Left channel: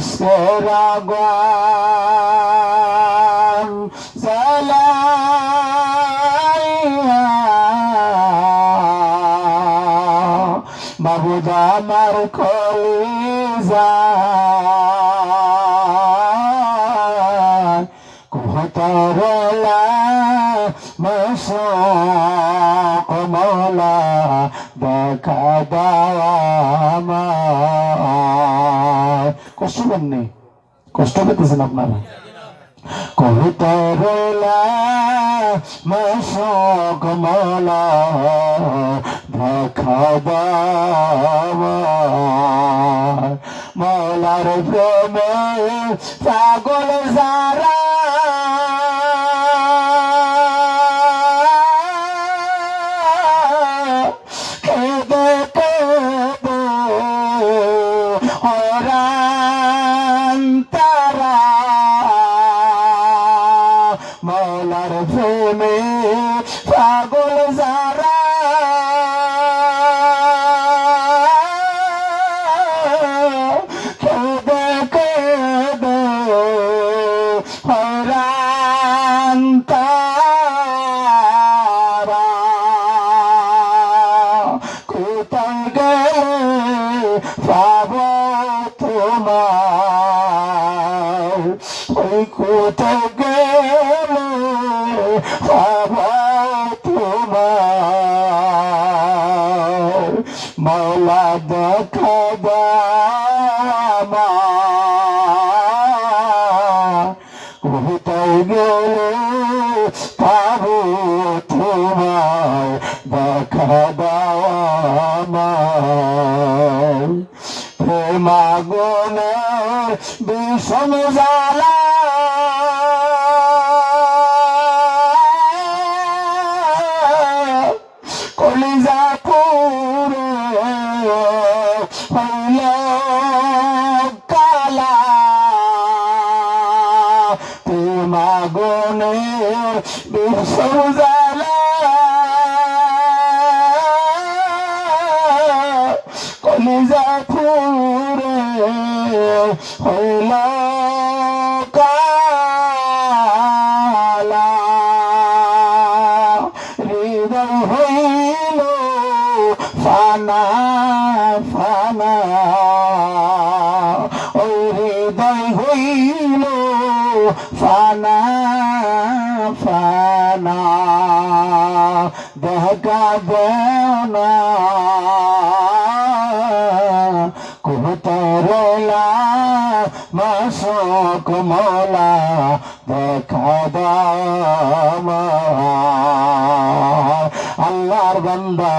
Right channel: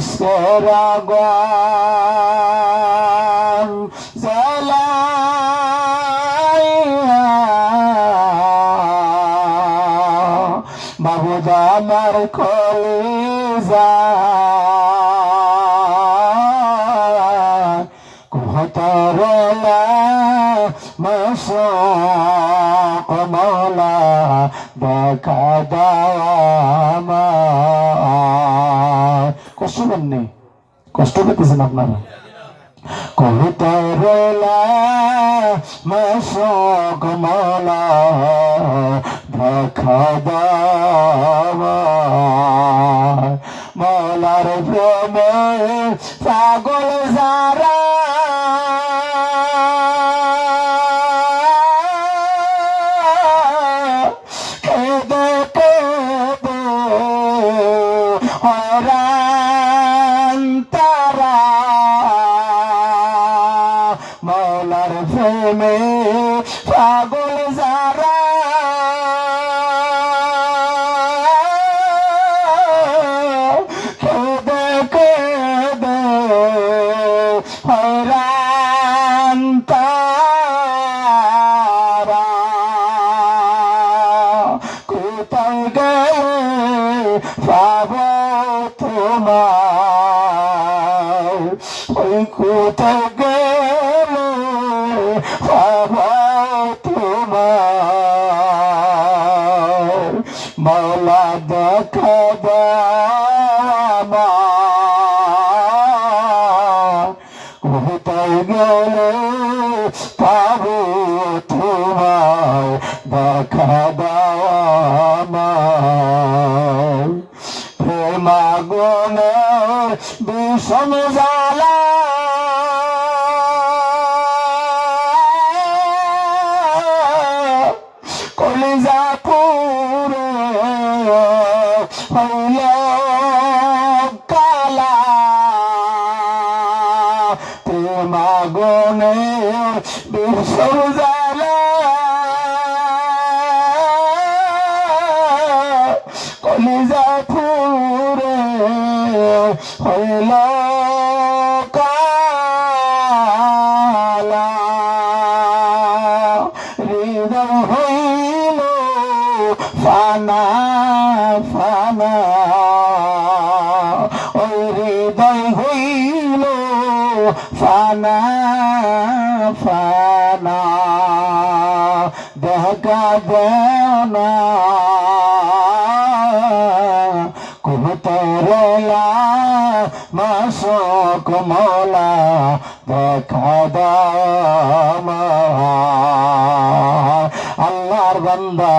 ইসের আগুন জ্বালাইয়া বাবুদা আমার কলিজা কোহতরলা মশক মৌলা দেখা দেওয়া আমার। কষ্ট পাননি? কষ্ট পেতেছেন আপনারা? কোহতরলা মশক মৌলা দেখা দেওয়া মৌলার প্রেমে পাগল যারা কেঁদে কেঁদে হরান তারা মৌলার প্রেমে পাগল যারা কেঁদে কেঁদে হরান তারা কোথায় গেলে পাব তোমার ওই কোথায় গেলে পাব তোমার মৌলা দেখা কোথায় গেলে পাব তোমার দেখা দাওয়ার প্রেমাগুনে বিষম জ্বালা কলিজা পুরে হইল কালা প্রেমাগুনে বিষম জ্বালা কলিজা পুরে হইল কালা হৃদয় হইল ফানা ফানা ওই হৃদয় হইল ফানা ফানা দেখা দেও না কোহতরলা মশক মৌলা দেখা দাও আল্লাহর বান্দা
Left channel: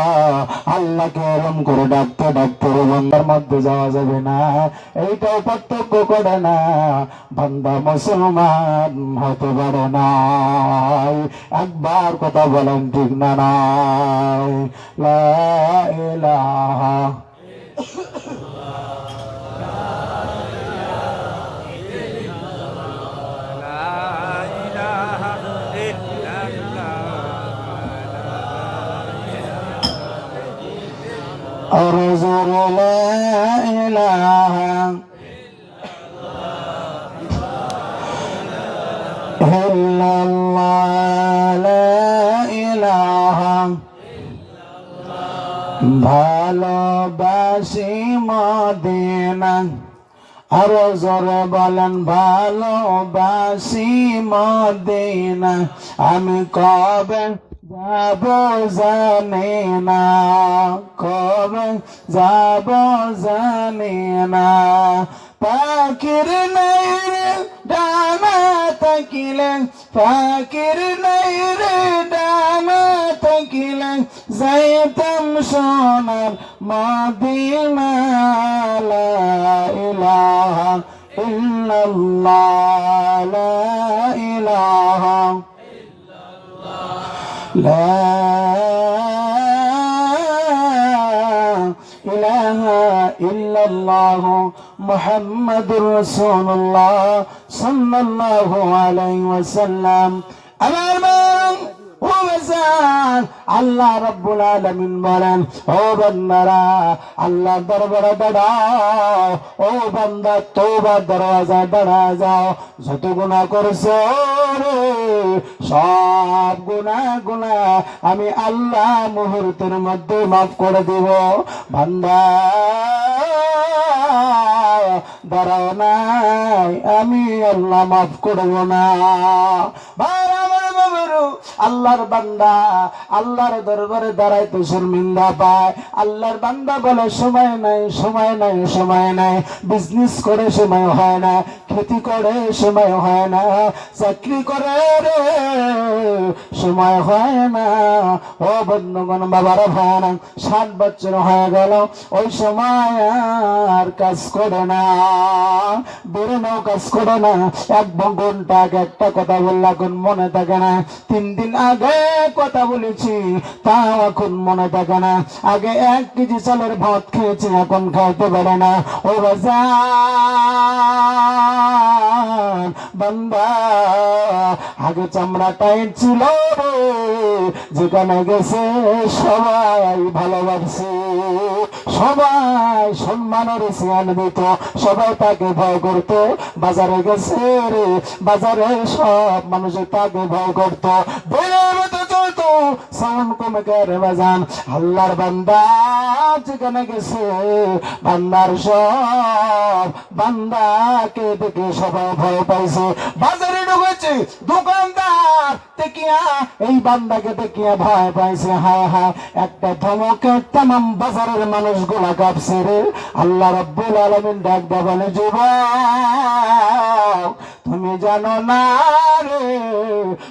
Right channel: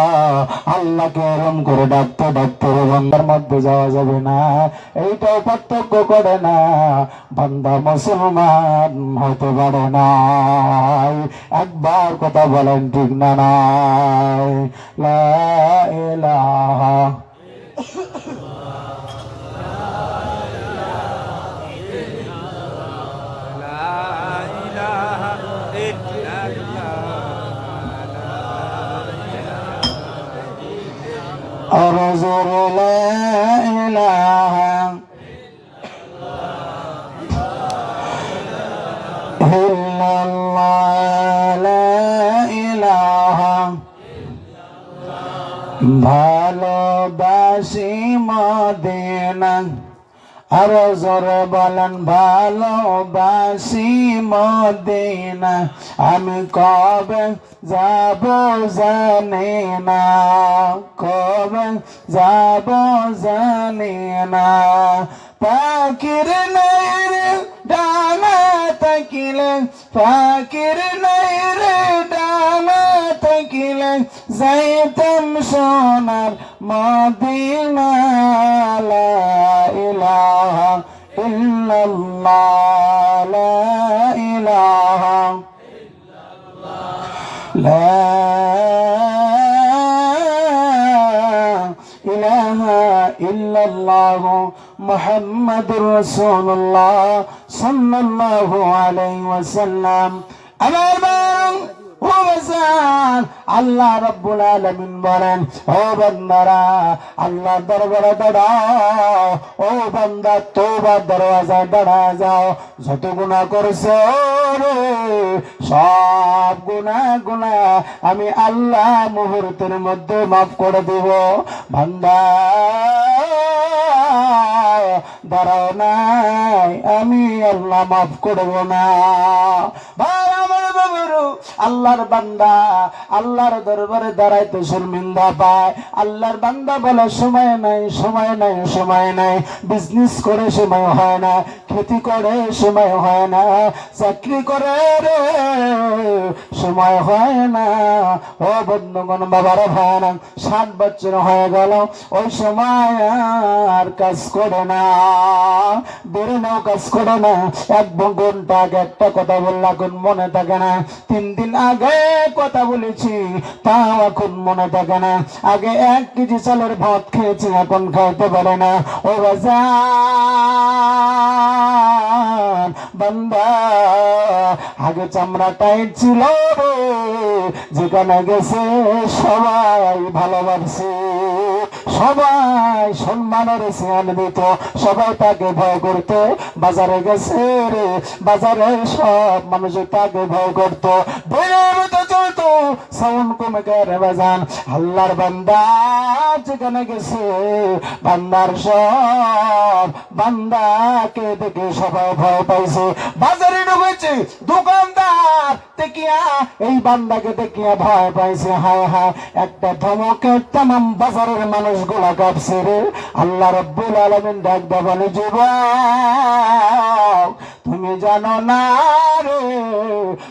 আল্লাহকে এরম করে ডাকতে ডাকতে বান্দার মধ্যে যাওয়া যাবে না, এইটাও পার্থক্য করে না। বান্দা মুসলমান হতে পারে না, একবার কথা বলেন ঠিক না নাই? লা ইলাহা أرزق لا إله إلا الله لا إله ভালোবাসি মদিনা আর জোরে বলেন ভালোবাসি মদিনা আমি কবে যাব জানি না, কবে যাব জানি না। পাখির নৈরে ডানা থাকিলে, পাখির নৈরে ডানা থাকিলে যাইতাম সোনার মদিনা। লা ইলাহা ইল্লাল্লাহ লা ইলাহা লা ইলাহা ইল্লাল্লাহ মুহাম্মাদুর রাসূলুল্লাহ সাল্লাল্লাহু আলাইহি ওয়াসাল্লাম। আমার ও বাজান, আল্লাহ রাব্বুল আলামিন বলেন, ও বান্দারা আল্লাহ দরবারে দাঁড়াও, ও বান্দা তওবার দরওয়াজায় দাঁড়া যাও, যত গুনাহ করছো রে সব গুনাহ আমি আল্লাহ মুহূর্তের মধ্যে মাফ করে দেব। বান্দা দাঁড়াও নাই, আমি আল্লাহ মাফ করব না। আল্লাহর বান্দা আল্লাহর দরবারে দাঁড়াইতে শর্মিন্দা পায়। আল্লাহর বান্দা বলে সময় নাই, সময় নাই, সময় নাই, বিজনেস করে সময় হয় না, খেতি করে সময় হয় না, চাকরি করে রে সময় হয় না। ও বন্ধুগণ, বাবারা ভাইরা, 7 বছর হয়ে গেল, ওই সময় আর কাজ করে না, বেড়ে নাও কাজ করে না। 1 ঘন্টা আগে একটা কথা বললাম, এখন মনে থাকে না। 3 দিন আগে কথা বলেছি, তাও এখন মনে থাকে না। আগে 1 কেজি চালের ভাত খেয়েছি, এখন খাইতে পারে না। ও বাজার বান্দা, আগে চামড়া টাইট ছিল, যেখানে গেছে সবাই ভালোবাসে, সবাই সম্মানের চেয়ার দিত, সবাই তাকে ভয় করত। বাজারে গেছে রে, বাজারে সব মানুষ তাকে ভয় করত, চলতো সাউন্ড কমে গেলে বাজান। আল্লাহর বান্দা যেখানে গেছে, বান্দার সব বান্দাকে দেখে সবাই ভয় পাইছে। বাজারে ঢুকেছে, দোকানদার দেখিয়া এই বান্দাকে দেখিয়া ভয় পাইছে। হায় হায়, একটা ধমকে তামাম বাজারের মানুষগুলা কাঁপছে রে। আল্লাহ রাব্বুল আলামিন ডাক দেয়া বলে, যুবক তুমি জানো না রে,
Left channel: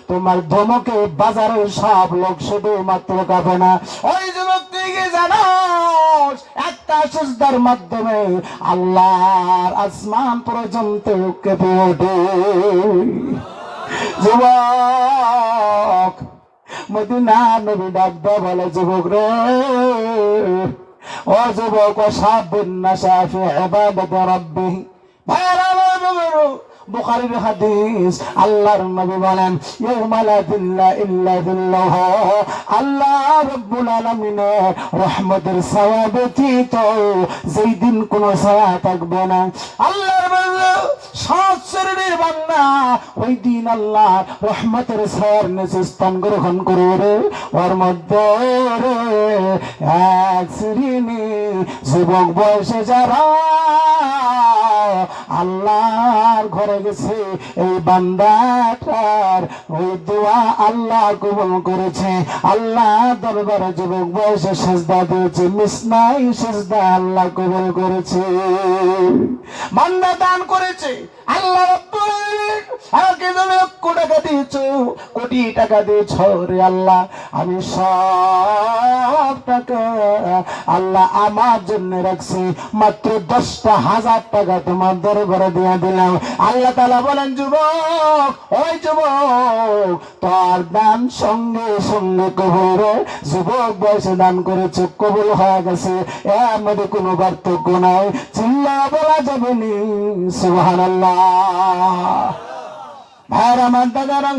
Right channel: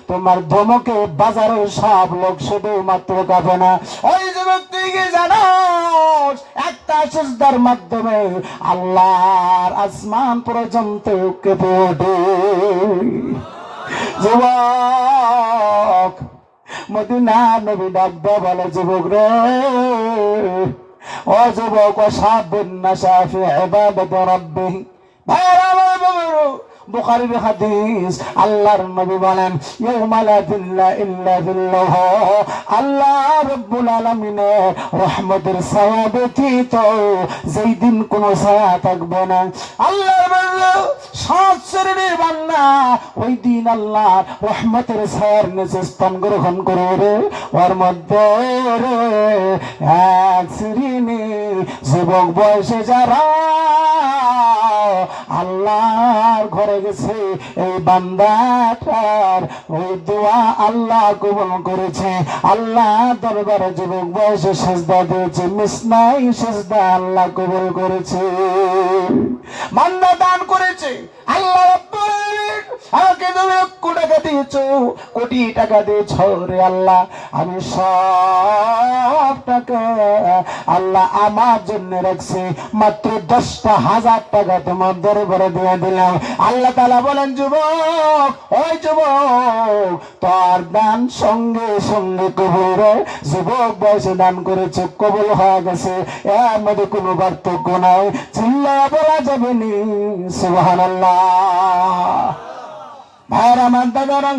তোমার ধমকে বাজারের সব লোক শুধু মাত্র কাঁপে না। ওই যুবক তুই কি জানো, একটা সিজদার মাধ্যমে আল্লাহর আসমান পর্যন্ত কেঁপে ওঠে। যুবক মদিনা নবী ডাক দেয়া বলে, যুবক রে, ও যুবক, ওয়াসাবুন নাশা ফি ইবাদাতি রাব্বিহি। ভাইরা আমার বাবারো, বুখারীর হাদিস, আল্লাহর নবী বলেন, ইয়াউমা লা দিল্লা ইল্লা দিল্লাহ, আল্লাহ রাব্বুল আলামিনের রহমতের ছায়া ব্যতীত যেই দিন কোন ছায়া থাকবে না। আল্লাহর বান্দা, 7 শ্রেণীর বান্দা ওই দিন আল্লাহ রহমতের ছায়ার নিচে স্থান গ্রহণ করে রে। ওর মধ্যে রে 1 শ্রেণী যুবক বয়সে যারা আল্লাহর ঘরে গেছে, এই বান্দাটার ওই দোয়া আল্লাহ কবুল করেছে। আল্লাহ দরবারে যুবক বয়সে সেজদা দিয়েছে, মিসনাই সেজদা আল্লাহ কবুল করেছে। বান্দা দান করেছে, আল্লাহ আমাকে তুমি 1 টাকা দিয়েছ, কোটি টাকা দিয়েছ রে আল্লাহ, আমি সব টাকা আল্লাহ আমার জন্য রাখছি, মাত্র 10,000 টাকা তোমার দরবারে দিয়ে দিলাম। আল্লাহ তাআলা বলেন, যুবক, ওই যুবক, তোর দান সঙ্গে সঙ্গে কবুল। যুবক বয়সে দান করেছে, কবুল হয়ে গেছে, এর মধ্যে কোনো পার্থক্য নাই। চিল্লা বলা যাবে নি সুবহানাল্লাহ। ভাইরা আমার দাদারা,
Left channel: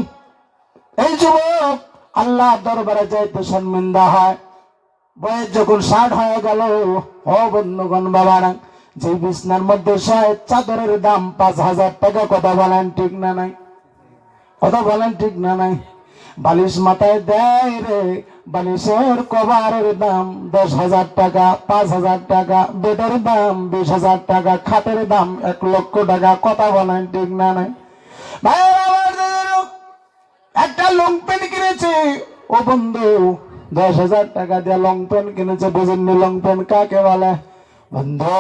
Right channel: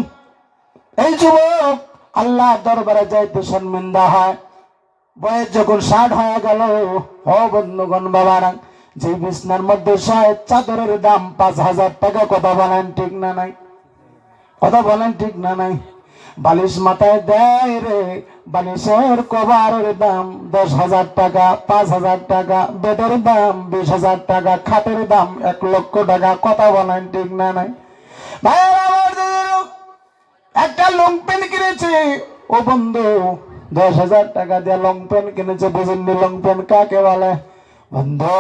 এই যুবক আল্লাহ দরবারে যাইতে শর্মিন্দা হয়। বয়স যখন 60 হয়ে গেল, ও বন্ধুগণ বাবারা, যে বিছনার মধ্যে চাদরের দাম 5,000 টাকা, কথা বলেন ঠিক না নাই? কথা বলেন ঠিক না নাই? বালিশ মাথায় দেয় রে, বালিশের কভারের দাম 10,000 টাকা, 5,000 টাকা, বেডের দাম 20,000 টাকা, খাটের দাম 1,00,000 টাকা, কথা বলেন ঠিক না নাই? একটা লং পেন কিনেছে, ও বন্ধু 10,000 টাকা দিয়ে লং পেন কিনেছে, বুঝেননি লং পেন কাকে বলে? বন্ধু,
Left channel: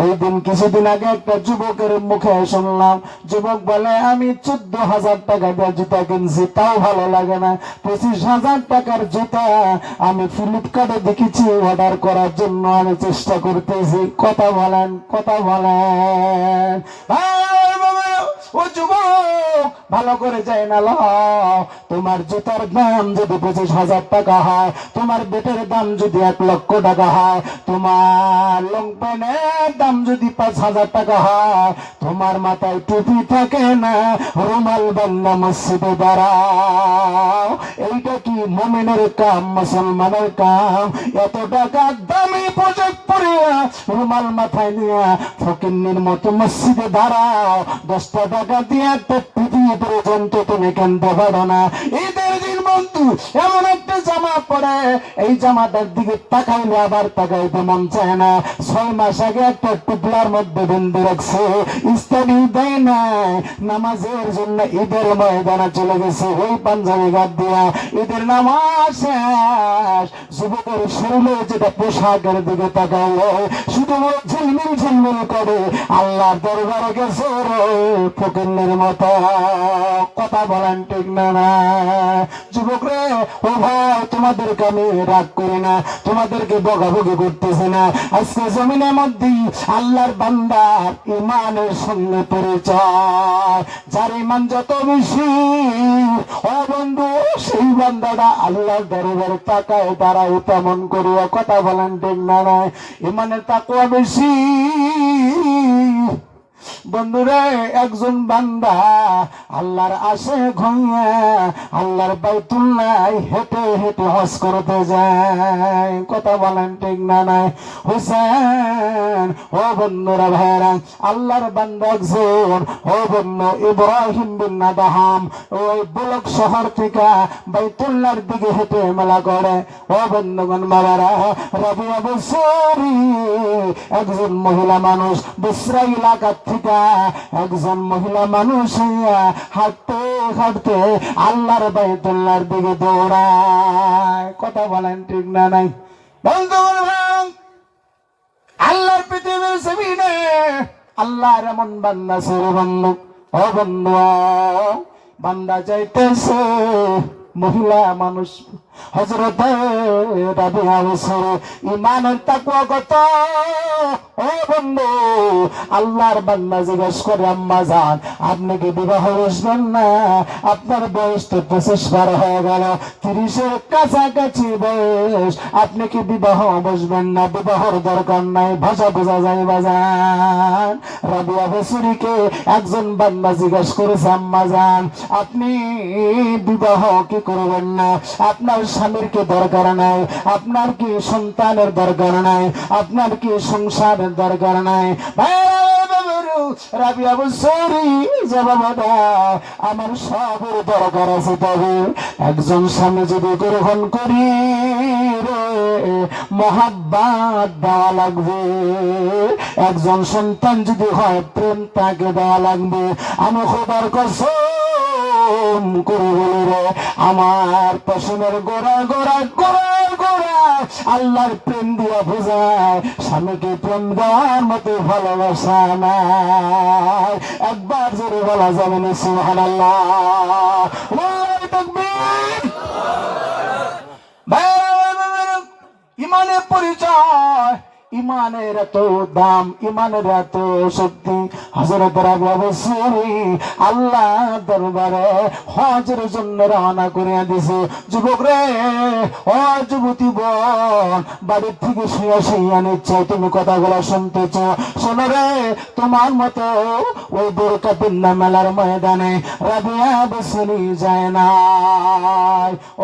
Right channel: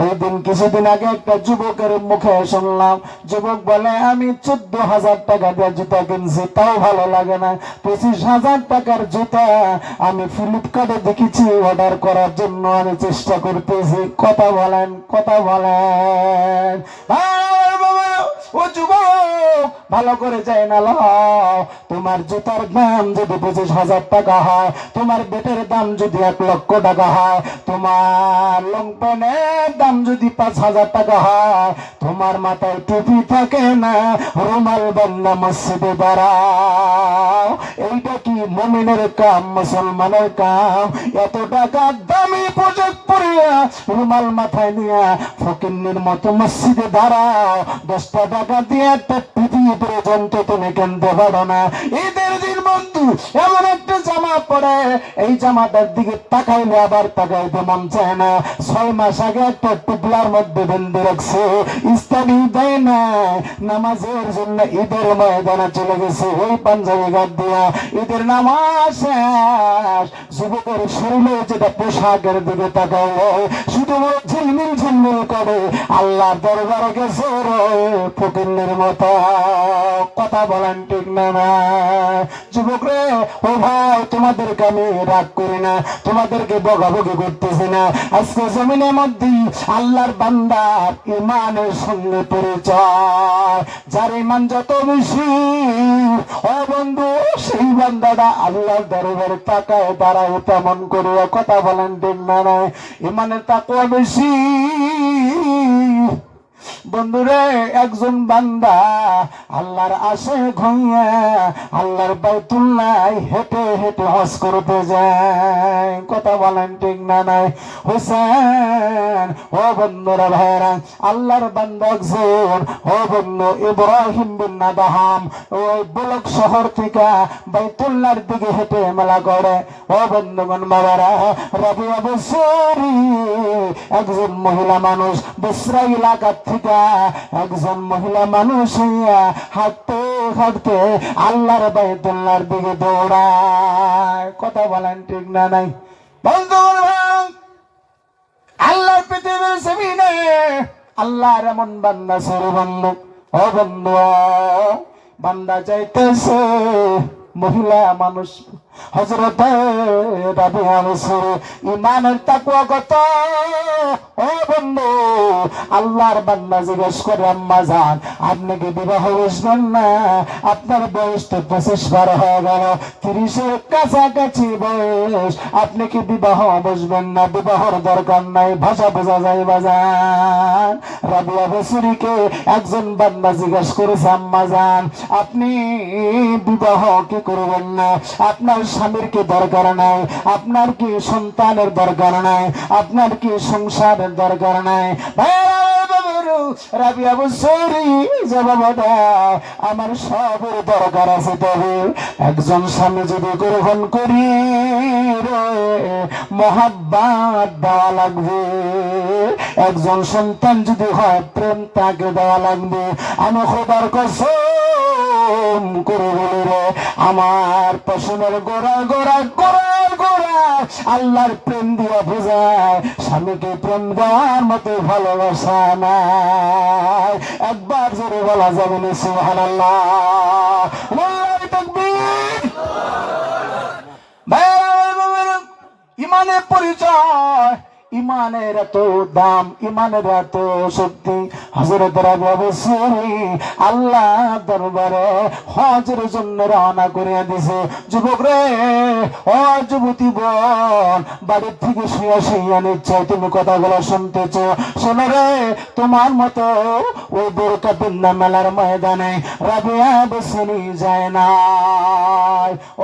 ওই দিন কিছুদিন আগে একটা যুবকের মুখে শুনলাম, যুবক বলে, আমি 14,000 টাকা দিয়ে জুতা কিনছি, তাও ভালো লাগে না। 25,000 টাকার জুতা আমি ফ্লিপকার্টে দেখেছি, অর্ডার করার জন্য আমি চেষ্টা করতেছি। কথা বলেন, কথা বলেন। ও যুবক, ভালো করে যায় না লাও। তোমার জুতার দাম যদি 25,000 টাকা হয়, তোমার বেটের দাম যদি 1,00,000 টাকা হয়, তোমার লং প্যান্টের দাম যদি 5,000 টাকা হয়, তোমার মাথায় টুপি থাকে না, রুমাল বান্ধা মসজিদে দাঁড়াও। এইটা কি মুমিনের কাম, মুসলমানের কাম? এত টাকা দামি পোশাক পরিয়া রুমাল মাথায় নিয়ে ফকিন্নির মতো মসজিদে দাঁড়াও। 10টা টাকা দিয়ে একটা টুপি পর্যন্ত তুমি কিনতে পারো না। ঈদের দিন বন্ধু এমন একটা জামা পরে, এই জামাটার দিকে তাকাইলে আবার তাকাইতে মন চায় না। 6 মাস আগে একটা টুপলার মধ্যে বেঁধে রাখছে, ইস্তানি দেয় না, নামাজের জন্য ঈদের ময়দানে চলে গেছে ওই পাঞ্জাবি গাদ দিয়া। ঈদের নামাজ শেষ, যুবকের শরীরে যেটা পোশাকের দিকে তাকাইলে শুধু ঝিলমিল ঝিলমিল করে। আল্লাহ দরবারে গেছে ফকিন্নের মতো। কথা বলেন ঠিক না? যুবক রে, ও ভাই, তোমাদেরকে আমি রাগ করি না, তোমাদেরকে বকাবকি করতেছি না। আজকে জমিনের মধ্যে আল্লাহর বান্দার ইমানের সঙ্গে পরিচয়। যার ইমান যত বেশি, ও বন্ধু, সেই বান্দাটা আল্লাহর দরবারে তাকায় দাঁড়ায় তেমন করে। কথা বলেন ঠিক না? ইমানের তাকওয়া বেশি। বন্ধুরে, একজন বান্দা আল্লাহর আশে ঘুমিয়ে আল্লাহর বাইতুল্লাহ হেঁটে হেঁটে হজ করতে যায়। কথা বলেন ঠিক না? নাই হোসেন, ও বন্ধুরা ভাইরা, আল্লাহর বান্দা একজন, ও বন্ধু, ইব্রাহিম বিন আদহাম ওই বলক শহর থেকে বাইতুল্লাহর দিকে হেঁটে মেলা করে। ও বন্ধুগণ বাবারা, রাবিয়া বছরি একজন মহিলা মানুষ বসরা এলাকা থেকে একজন মহিলা মানুষ হাঁটতে হাঁটতে আল্লাহর বাইতুল্লাহর দিকে দৌড়ায়। কথা বলেন ঠিক না? নাই বন্ধুগণ, আল্লাহর পৃথিবীর জমিনে আল্লাহর এমন বান্দা ছিল বন্ধু। ও বন্ধু, বান্দা চাইতেছে মহিলা মানুষ হযরত রাবিয়া বছর ইমানের তাকওয়া কত? ও বন্ধু, আল্লাহর বান্দা জিজ্ঞেস করে, আম্মা জান, আপনি কি বিবাহ বসবেন না? আপনার বয়স তো 25 পার হয়ে গেল, 30-এর কাছাকাছি বয়স, আপনি কি বিবাহ বসবেন না? বিবাহর দরকার নাই, ভাষা বোঝা যায় বাজান। রাবিয়া বছরীকে একজন বান্দা জিজ্ঞেস করেছে, আম্মা জান, আপনি বিবাহ কি করবেন না? আপনার স্বামীর কি দরকার নাই? আপনার কি সন্তানের দরকার নাই? আপনার কি সংসারের দরকার নাই? রাবিয়া বছরী জবাব দেয়, আমার সবের দরকার আছে, তবে একজন স্বামী যদি গ্রহণ করি রে মহাব্বত দেওয়া লাগবে, একজন সন্তান যদি হয় প্রেম তাকে দেওয়া লাগবে। আমি খোদার কসম করে বলি রে, আমার পশমের গোড়া গোড়া গোড়া গোড়া আল্লাহর প্রেম দিয়া বোঝায়, স্বামীকে প্রেম দেওয়ার মতো ভালোবাসা নাই। একবার জোরে বলা যাবে না সুবহানাল্লাহ? ইমানের পরিচয়, ইমানের এত দাম, ইমানের এত শক্তি। হযরত রাবিয়া বছরী আল্লাহ দরবারে হজের জন্য রওনা করিয়া দিছে। যুবক রে, ও যুবতী বোন, বাড়ির থেকে শুয়ে শুয়ে নিশ্চয় তুমি কথাগুলো শুনতেছ। শোনো রে, তোমার মতো ওই বোরকাতুন্না মেলার ময়দানে রাবিয়া বছরী যায় না।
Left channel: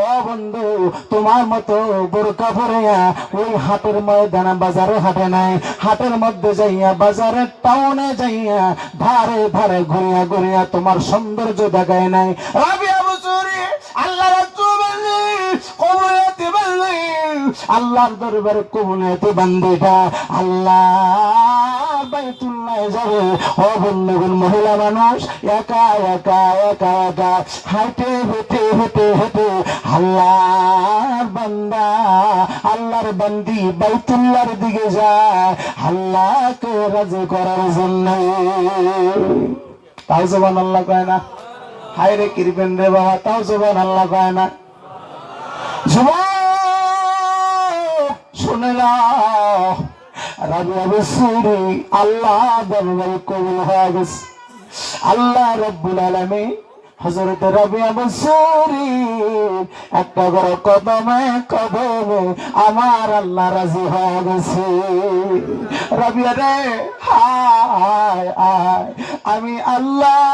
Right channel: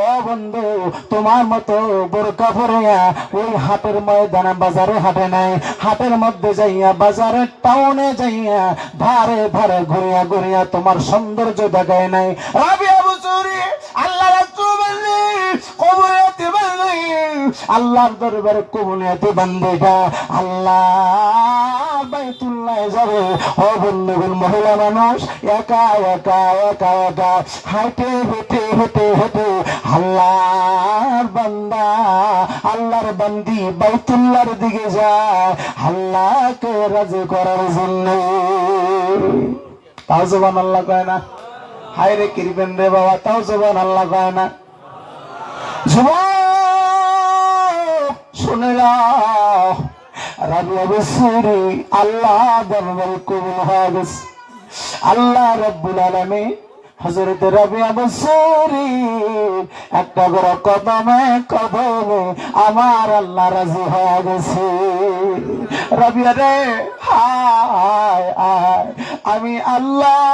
ও বন্ধু, তোমার মতো বোরকা পরিয়া ওই হাটের ময়দানে বাজারে হাটে নাই, হাটের মধ্যে যাইয়া বাজারের টাউনে যাইয়া ধারে ধারে ঘুরিয়া ঘুরিয়া তোমার সৌন্দর্য দেখায় নাই। রাবিয়া বছরী আল্লাহর আল্লাহর দরবারে কবুনিয়তি বান্দিটা আল্লাহ বাইতুল্লাহ যাবে। ও বন্ধুগণ, মহিলা মানুষ একা একা একা একা হাঁটে হেঁটে হেঁটে হেঁটে আল্লাহর বান্দা আল্লাহর বান্দি বাইতুল্লাহর দিকে যায় আল্লাহকে রাজি করার জন্য। তাও সুবহানাল্লাহ কয় না? হায় রে কিরবেন রে বাবা, তাও সুবহানাল্লাহ কয় না? শুনে নাও, রাবিয়া বছরী আল্লাহ দরবারে কবুল হয়ে গেছে। আল্লাহ রাব্বুল আলামিন হযরত রাবিয়া বসরি একটা বড় কদমে কদমে আমার আল্লাহ রাজি হয়ে গেছে। রাবিয়া রে হায় হায়, আমি আল্লাহ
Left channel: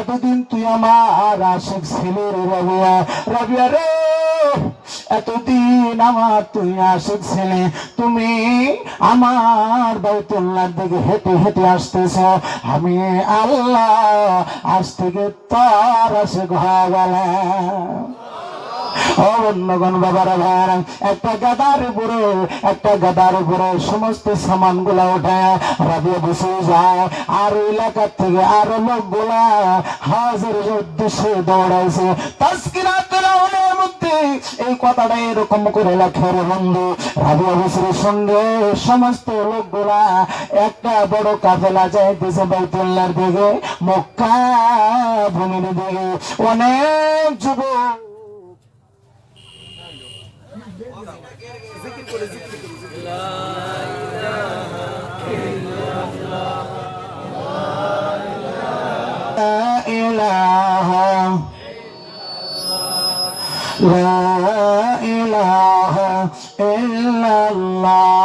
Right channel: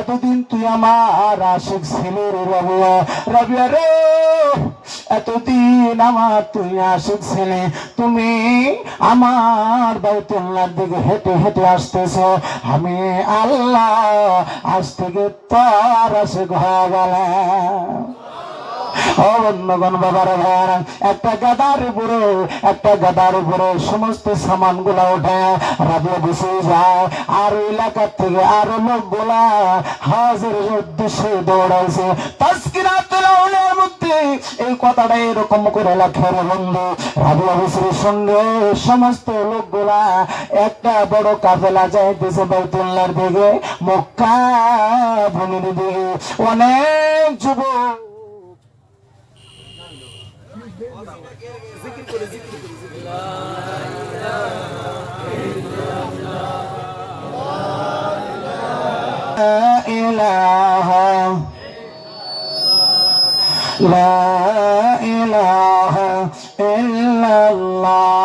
এতদিন তুই আমার আশিক ছিলি রে রাবিয়া। রাবিয়া রে এতদিন আমার তুই আশিক ছিলি, তুমি আমার বাইতুল্লাহর দিকে হেঁটে হেঁটে আসতেছ, আমি আল্লাহ আজ থেকে তার আশিক হয়ে গেলাম। একটা গাদার উপরে সমস্ত সামান গুলা উঠে রাবিয়া বসে যায়, আর এলাকার থেকে আরো লোক গুলা হাজিরের উদ্দেশ্যে দৌড়াইছে। এই কথাটা এরকম করে লেখার বন্ধু, রাবিয়া বসরির সঙ্গে সমস্ত লোকগুলা একটা বড় কাফেলা যাইতেছে বাইতুল্লাহর দিকে, মক্কা ভূমির দিকে। অনেক যুবক লা ইলাহা ইল্লাল্লাহ।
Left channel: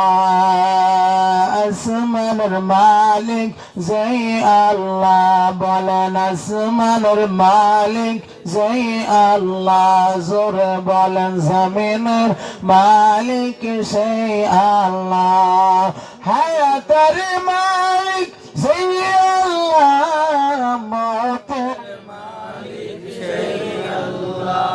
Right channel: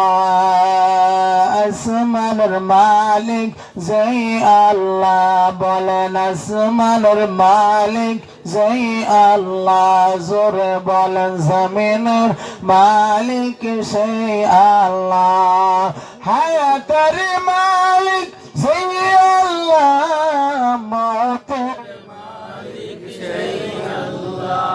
আসমানের মালিক জয় আল্লাহ, বলেন আসমানের মালিক জয় আল্লাহ। জোরে বলেন জমিনের মালিক সেই আল্লাহ। হায়াতের মালিক জয় আল্লাহ, মওতের মালিক সেই আল্লাহ।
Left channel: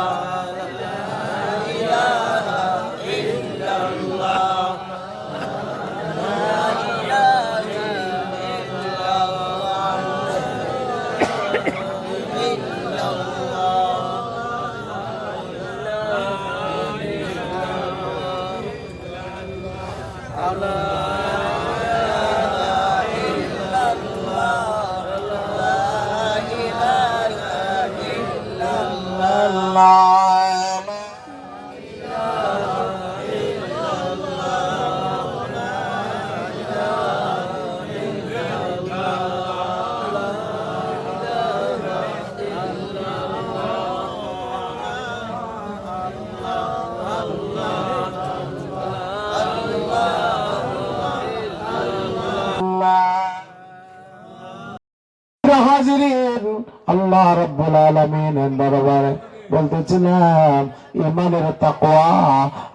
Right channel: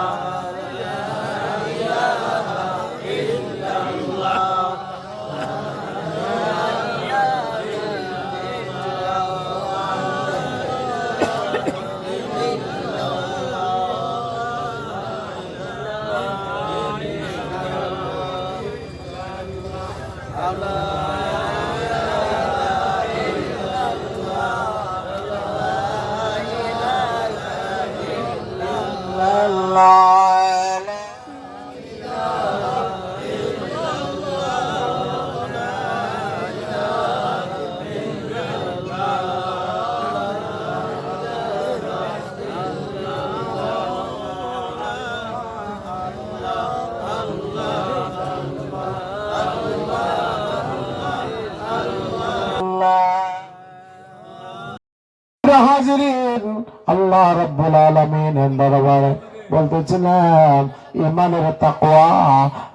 আল্লাহ রাব্বুল আলামিনের দরবারে বলতেছিলাম ইমানের তাকওয়া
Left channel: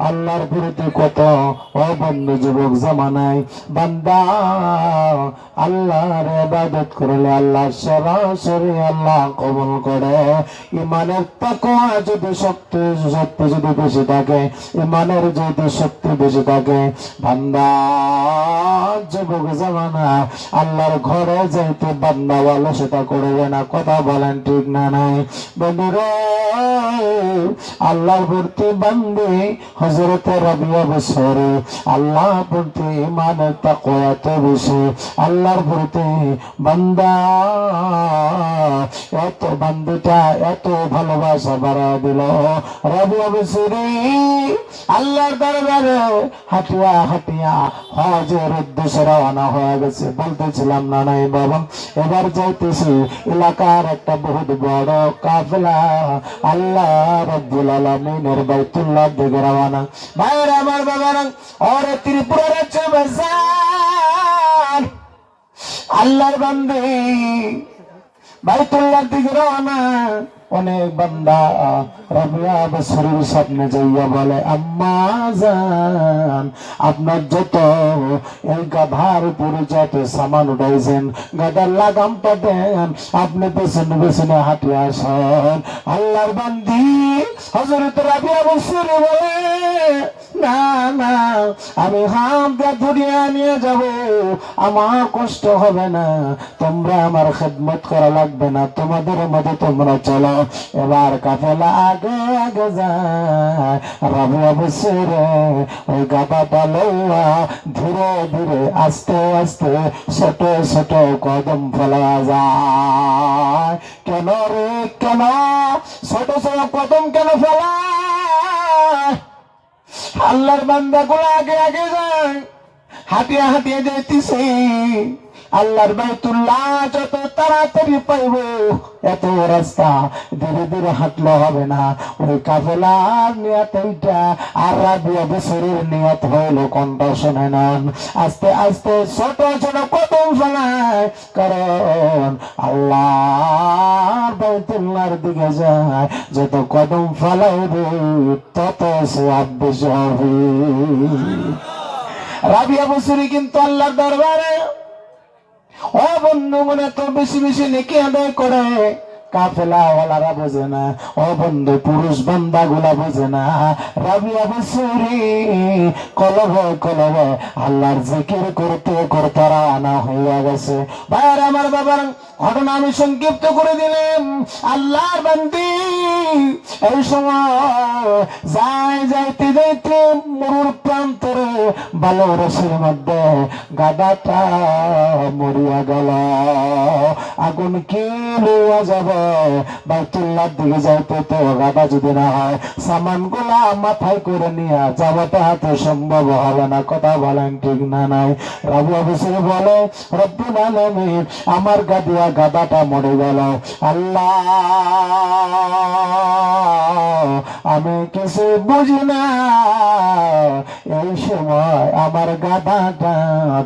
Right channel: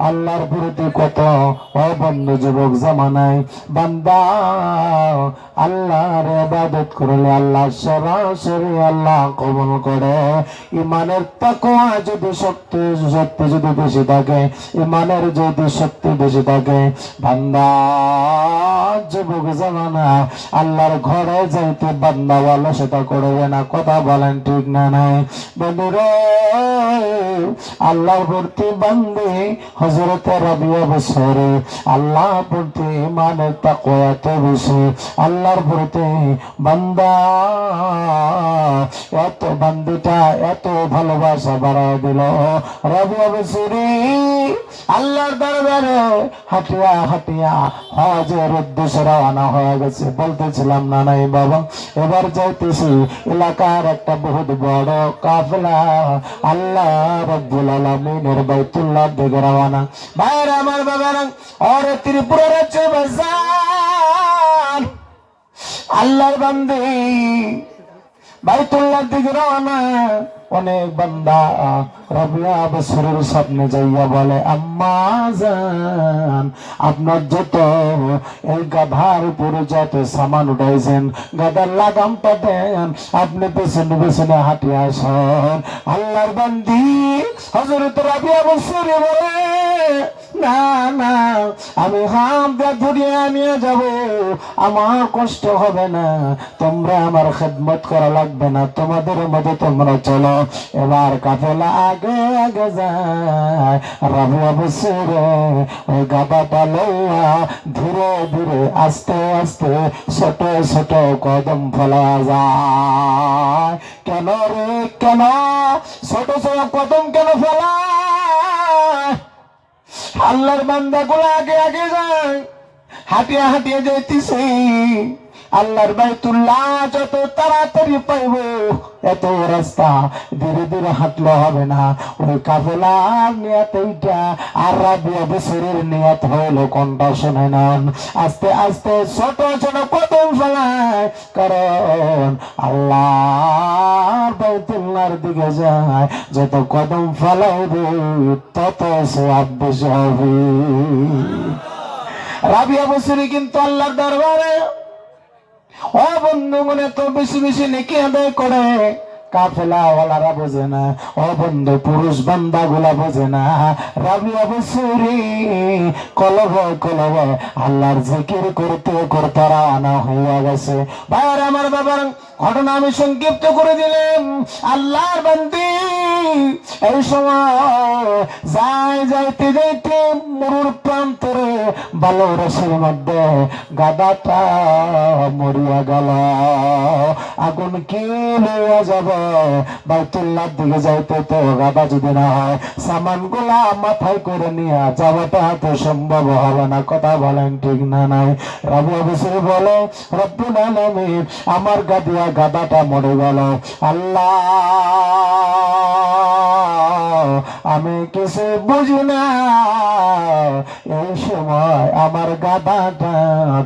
আল্লাহর প্রতি কত বন্ধু যুবক জামানায় বান্দা আল্লাহর ইবাদত করলে আল্লাহ সরাসরি আল্লাহ কবুল করে। ইমানের তাকওয়া যদি শক্তি যদি বেশি থাকে, ইমানের যদি শক্তি বেশি থাকে, বান্দা যুবক জামানা আল্লাহর ঘরে যাইতে বান্দা অলসতা করবে না। কথা বলেন ঠিক না নাই বন্ধুরে? আল্লাহর প্রতি বান্দে হযরত রাবিয়া বসরি আল্লাহ প্রতি ইমানের তাকওয়া এত বেশি, আল্লাহর প্রতি বান্দা এত বান্দিটা এত ভালোবাসা বাড়ায় দিল। রাবিয়া বসরি আল্লাহর দরবারে হাঁটিয়া হাঁটিয়া হজের উদ্দেশ্যে রওনা হয়ে গেছে। বলতেছিলাম না নাই বাবা, এবার যাইতেছি এলাকার একটা বহুত বড় কাফেলা আল্লাহ রাব্বুল আলামিনের বাইতুল্লাহ দিকে রওনা। ভাইরা আমার বাবারা, আর ত্রিপুরার চেয়ে আল্লাহর বান্দে বাইতুল্লাহ দিকে রওনা। অনেক বান্দা রাবিয়া বসরির সামনে যাইয়া বলে, আম্মা জান আপনার যত এই গাধার উপরে যত সামান উঠাইছেন গাধার লাগামটা দেন, আপনি পেছনে পেছনে হাঁটিয়ে আসেন। আল্লাহর বান্দি হযরত রাবিয়া বসরি বলে, না না আমি হাত দিয়ে ধরিয়ে নিয়ে যাব, আমার কষ্ট হবে না, তোমরা আমার খেদমত করা লাগবে না, তোমাদের মধ্যে তোমরা চলো। এবার কাফেলা আগে আগে যায়। রাবিয়া বসরি ওই গাদাটা লইয়া ধীরে ধীরে আস্তে আস্তে ছোট ছোট কদম ফেলা যায়। কেন রে কেন ছোট ছোট কদম কেন ফেলা? আল্লাহর বান্দা গুলো আগে আগে যায়, হাঁটিয়ে হাঁটিয়ে যাইতেছে। আল্লাহর বাইতুল্লাহ যত তাড়াতাড়ি পাইব, এত রাস্তা ধীরে ধীরে হাঁটলে হবে না। ওই কাফেলার নিয়াত এইটা, আর রাবিয়া বছরের নিয়াত হইল কোনটা শুনে নেন। আস্তে আস্তে ছোট ছোট কদম ফেলায়, কারণ আল্লাহর বাইতুল্লাহর দিকে যায়, যত কদম ফেলাইবে তত সওয়াব বেশি হবে। রাবিয়া বছরে কিন্তু আল্লাহর দরবারে ও বন্ধুগণ এত বেশি বেশি নেকি আদায় করে, কাফেলাওয়ালারা বোঝে না, ও বন্ধু পুরুষ বান্দা গুলা বোঝে না। রাবিয়া বছরি কলবে কলবে আল্লাহর জিকির করতে করতে রানা হয়ে গেছে। ভাইয়ার আমার বাবার ঘটনা আমি সংক্ষিপ্ত করে দিলাম। আল্লাহর বান্দি এই সময় যাইতে যাইতে মরুর প্রান্তরে ভালো রসের মধ্যে গাদাটা মরিয়া গেল। আগুন কি লইয়া যাবে, বাইতুল্লাহর দিকে যাইতে তো গাদা যদি না হয়, সামান গুলা মাথায় করে নিয়ে যাওয়াটা তো সম্ভব হবে না। কথা বলেন ঠিক না নাই? রাবিয়া বছর বলে, রব্বুল আলামিন আমার গাদিয়া গাদাটা মরে গেল। আল্লাহ আমি কিছু বুঝি না, এই সময় আমার গাদাটা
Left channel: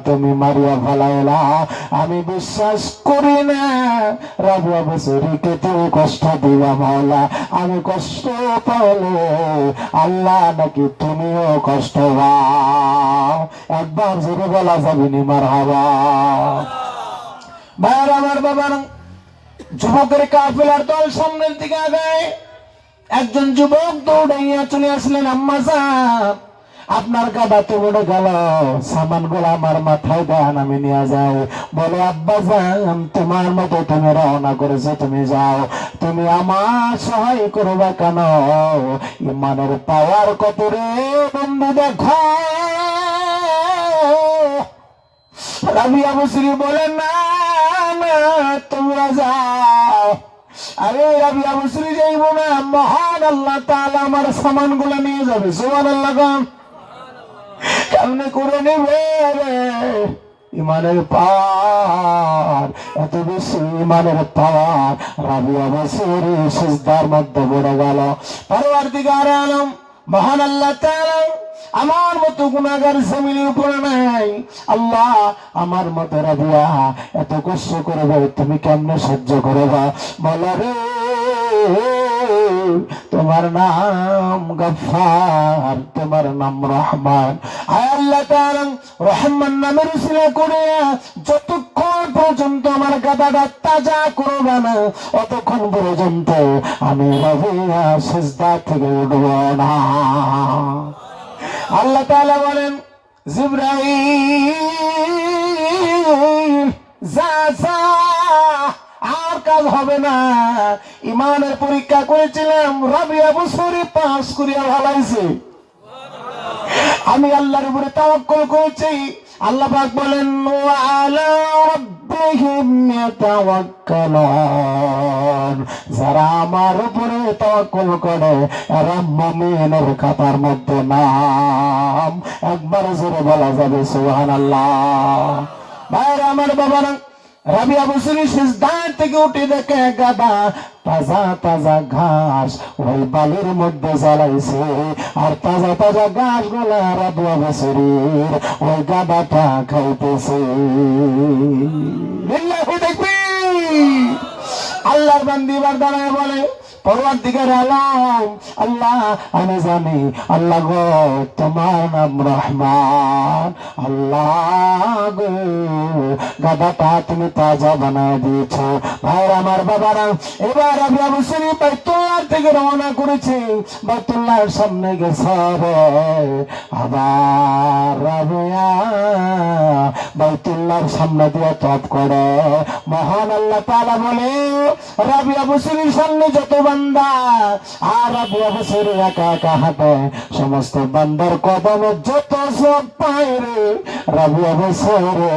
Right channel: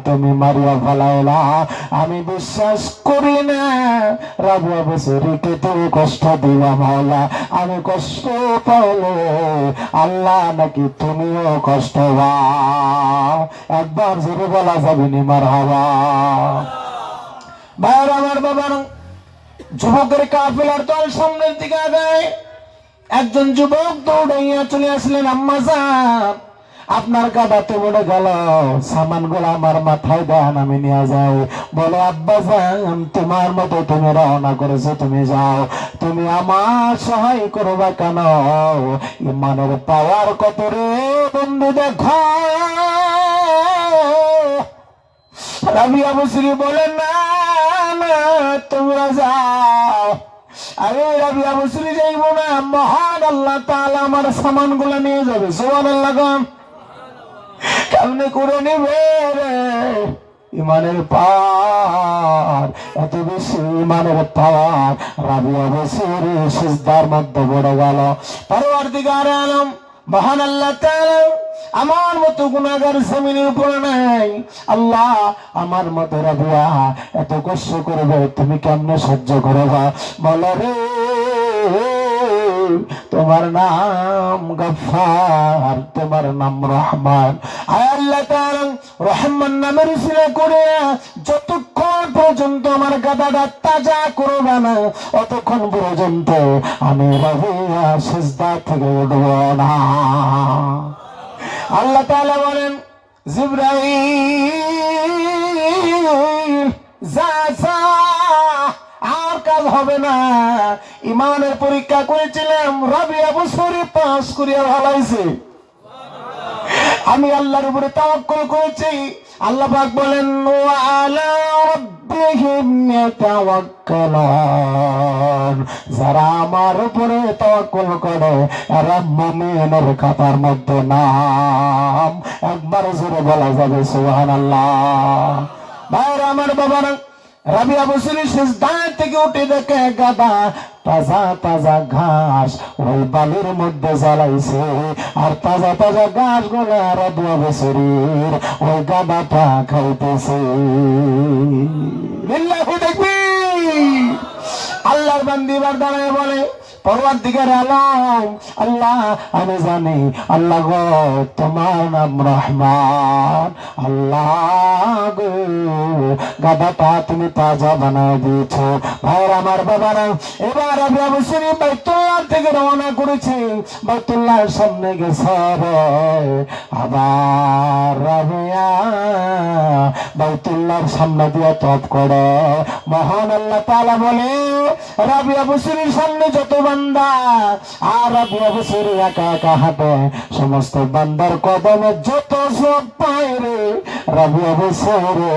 তুমি মারিয়া ফেলাইলা। আমি বিশ্বাস করি না রাবিয়া বছরীকে তুমি কষ্ট দিবা মাওলা। আমি কষ্ট পাইলে আল্লাহ নাকি তুমিও কষ্ট পাও। একবার জোরে বলা যাবে নি মারহাবা। ভাইয়ের আমার বাবার যুবকের কাফেলার দল সামনের দিকে আগায়। একজন যুবক দৌড়াইয়া চলে আসলেন, আম্মা জান আপনার গাদা তো উড়ে গেল, সামান গুলো আমার মাথায় দেন, আমি নিয়ে যাই। বলে আব্বা জান তোমার মতো তুমি রওনা করেছো, তুমি যাও, তুমি আমার সহায় করবা কেন? ইমানের পাওয়ার কত রে বন্ধু দেখো। রাবিয়া বছরি বলেন না না তোমরা যাও। আরে রাবিয়া বছরি যাইব না, মহান আল্লাহ তাআলা আমার সামান গুলা নিয়ে যাবে। সুবহানাল্লাহ গান কেমনে করে নেবে রে? ইমানের পাওয়ার এত বেশি, ইমানের পাওয়ার। রাবিয়া বছরি সিজদার মধ্যে পড়ে গেল। পরওয়ারদিগার আলম মহান আল্লাহ তাআলা আমার মতো গুনাহগার জমিনের উপরে নাই। আল্লাহ আমার মতো রাবিয়া এত কষ্ট করবে, তুমি কেমনে সহ্য করবা? বলো রে তোমার নাম গফফার, তোমার নাম রহমান। আয় আল্লাহ তাআলা রহমান নামের উসিলা করে যতক্ষণ পর্যন্ত আমার গাদাটা তাজা করবে না, অতক্ষণ পর্যন্ত আমি রাবিয়া সিজদা থেকে উঠব না। আল্লাহ তাআলা বলেন, জিবরাইল যা যা, আর কাজ হবে না। ইমানের পরীক্ষা করেছিলাম, রাবিয়া বছরি পাস করিয়া ভালাইছে। আমি আল্লাহর উপরে তাওয়াক্কুল করেছি। আল্লাহ পাক বলেন, ওয়া আলা রাব্বিহিম ইয়াতাওয়াক্কালুন, যারা আমার উপরে তাওয়াক্কুল করে এরা মুমিনের খাতার মধ্যে নাম। একবার জোরে বলা যাবে সুবহানাল্লাহ। ভাইরা আমার বাবারা, রাবিয়া বছরি সিজদা থেকে উঠে দেখে গাদা তাজা তাজা ঘাস ওই বালির মধ্যে জ্বালাইছে, আর তাজা তাজা ঘাস গুলা রাবিয়া বছরির ওই গাদাটা খাইতেছে। লিল্লাহি তাকবীর। আল্লাহর বান্দি বার দাঁড়ায় বলে, পরওয়ারদিগার আলম আল্লাহ আমি জানি আল্লাহ গো তোমার নাম রহমান। আল্লাহ গো গাদাটা তুমি তাজা বানায় দিয়েছ। ভাইরা আমার বাবারা, এবার রাবিয়া বছরি বাইতুল্লাহ থেকে রওনা করেছে, বাইতুল্লাহর সামনে গেছে। আবার রাবিয়া বাইতুল্লাহর সামনে দিয়ে তপ করে। মহান আল্লাহ তাআলা বলে, রাবিয়া বছরির সামনে যত বান্দা আর রাবিয়া বছরি একা একা হাঁটে, সমস্ত বান্দার কদমে যত সব পায় রে, রাবিয়া বছরে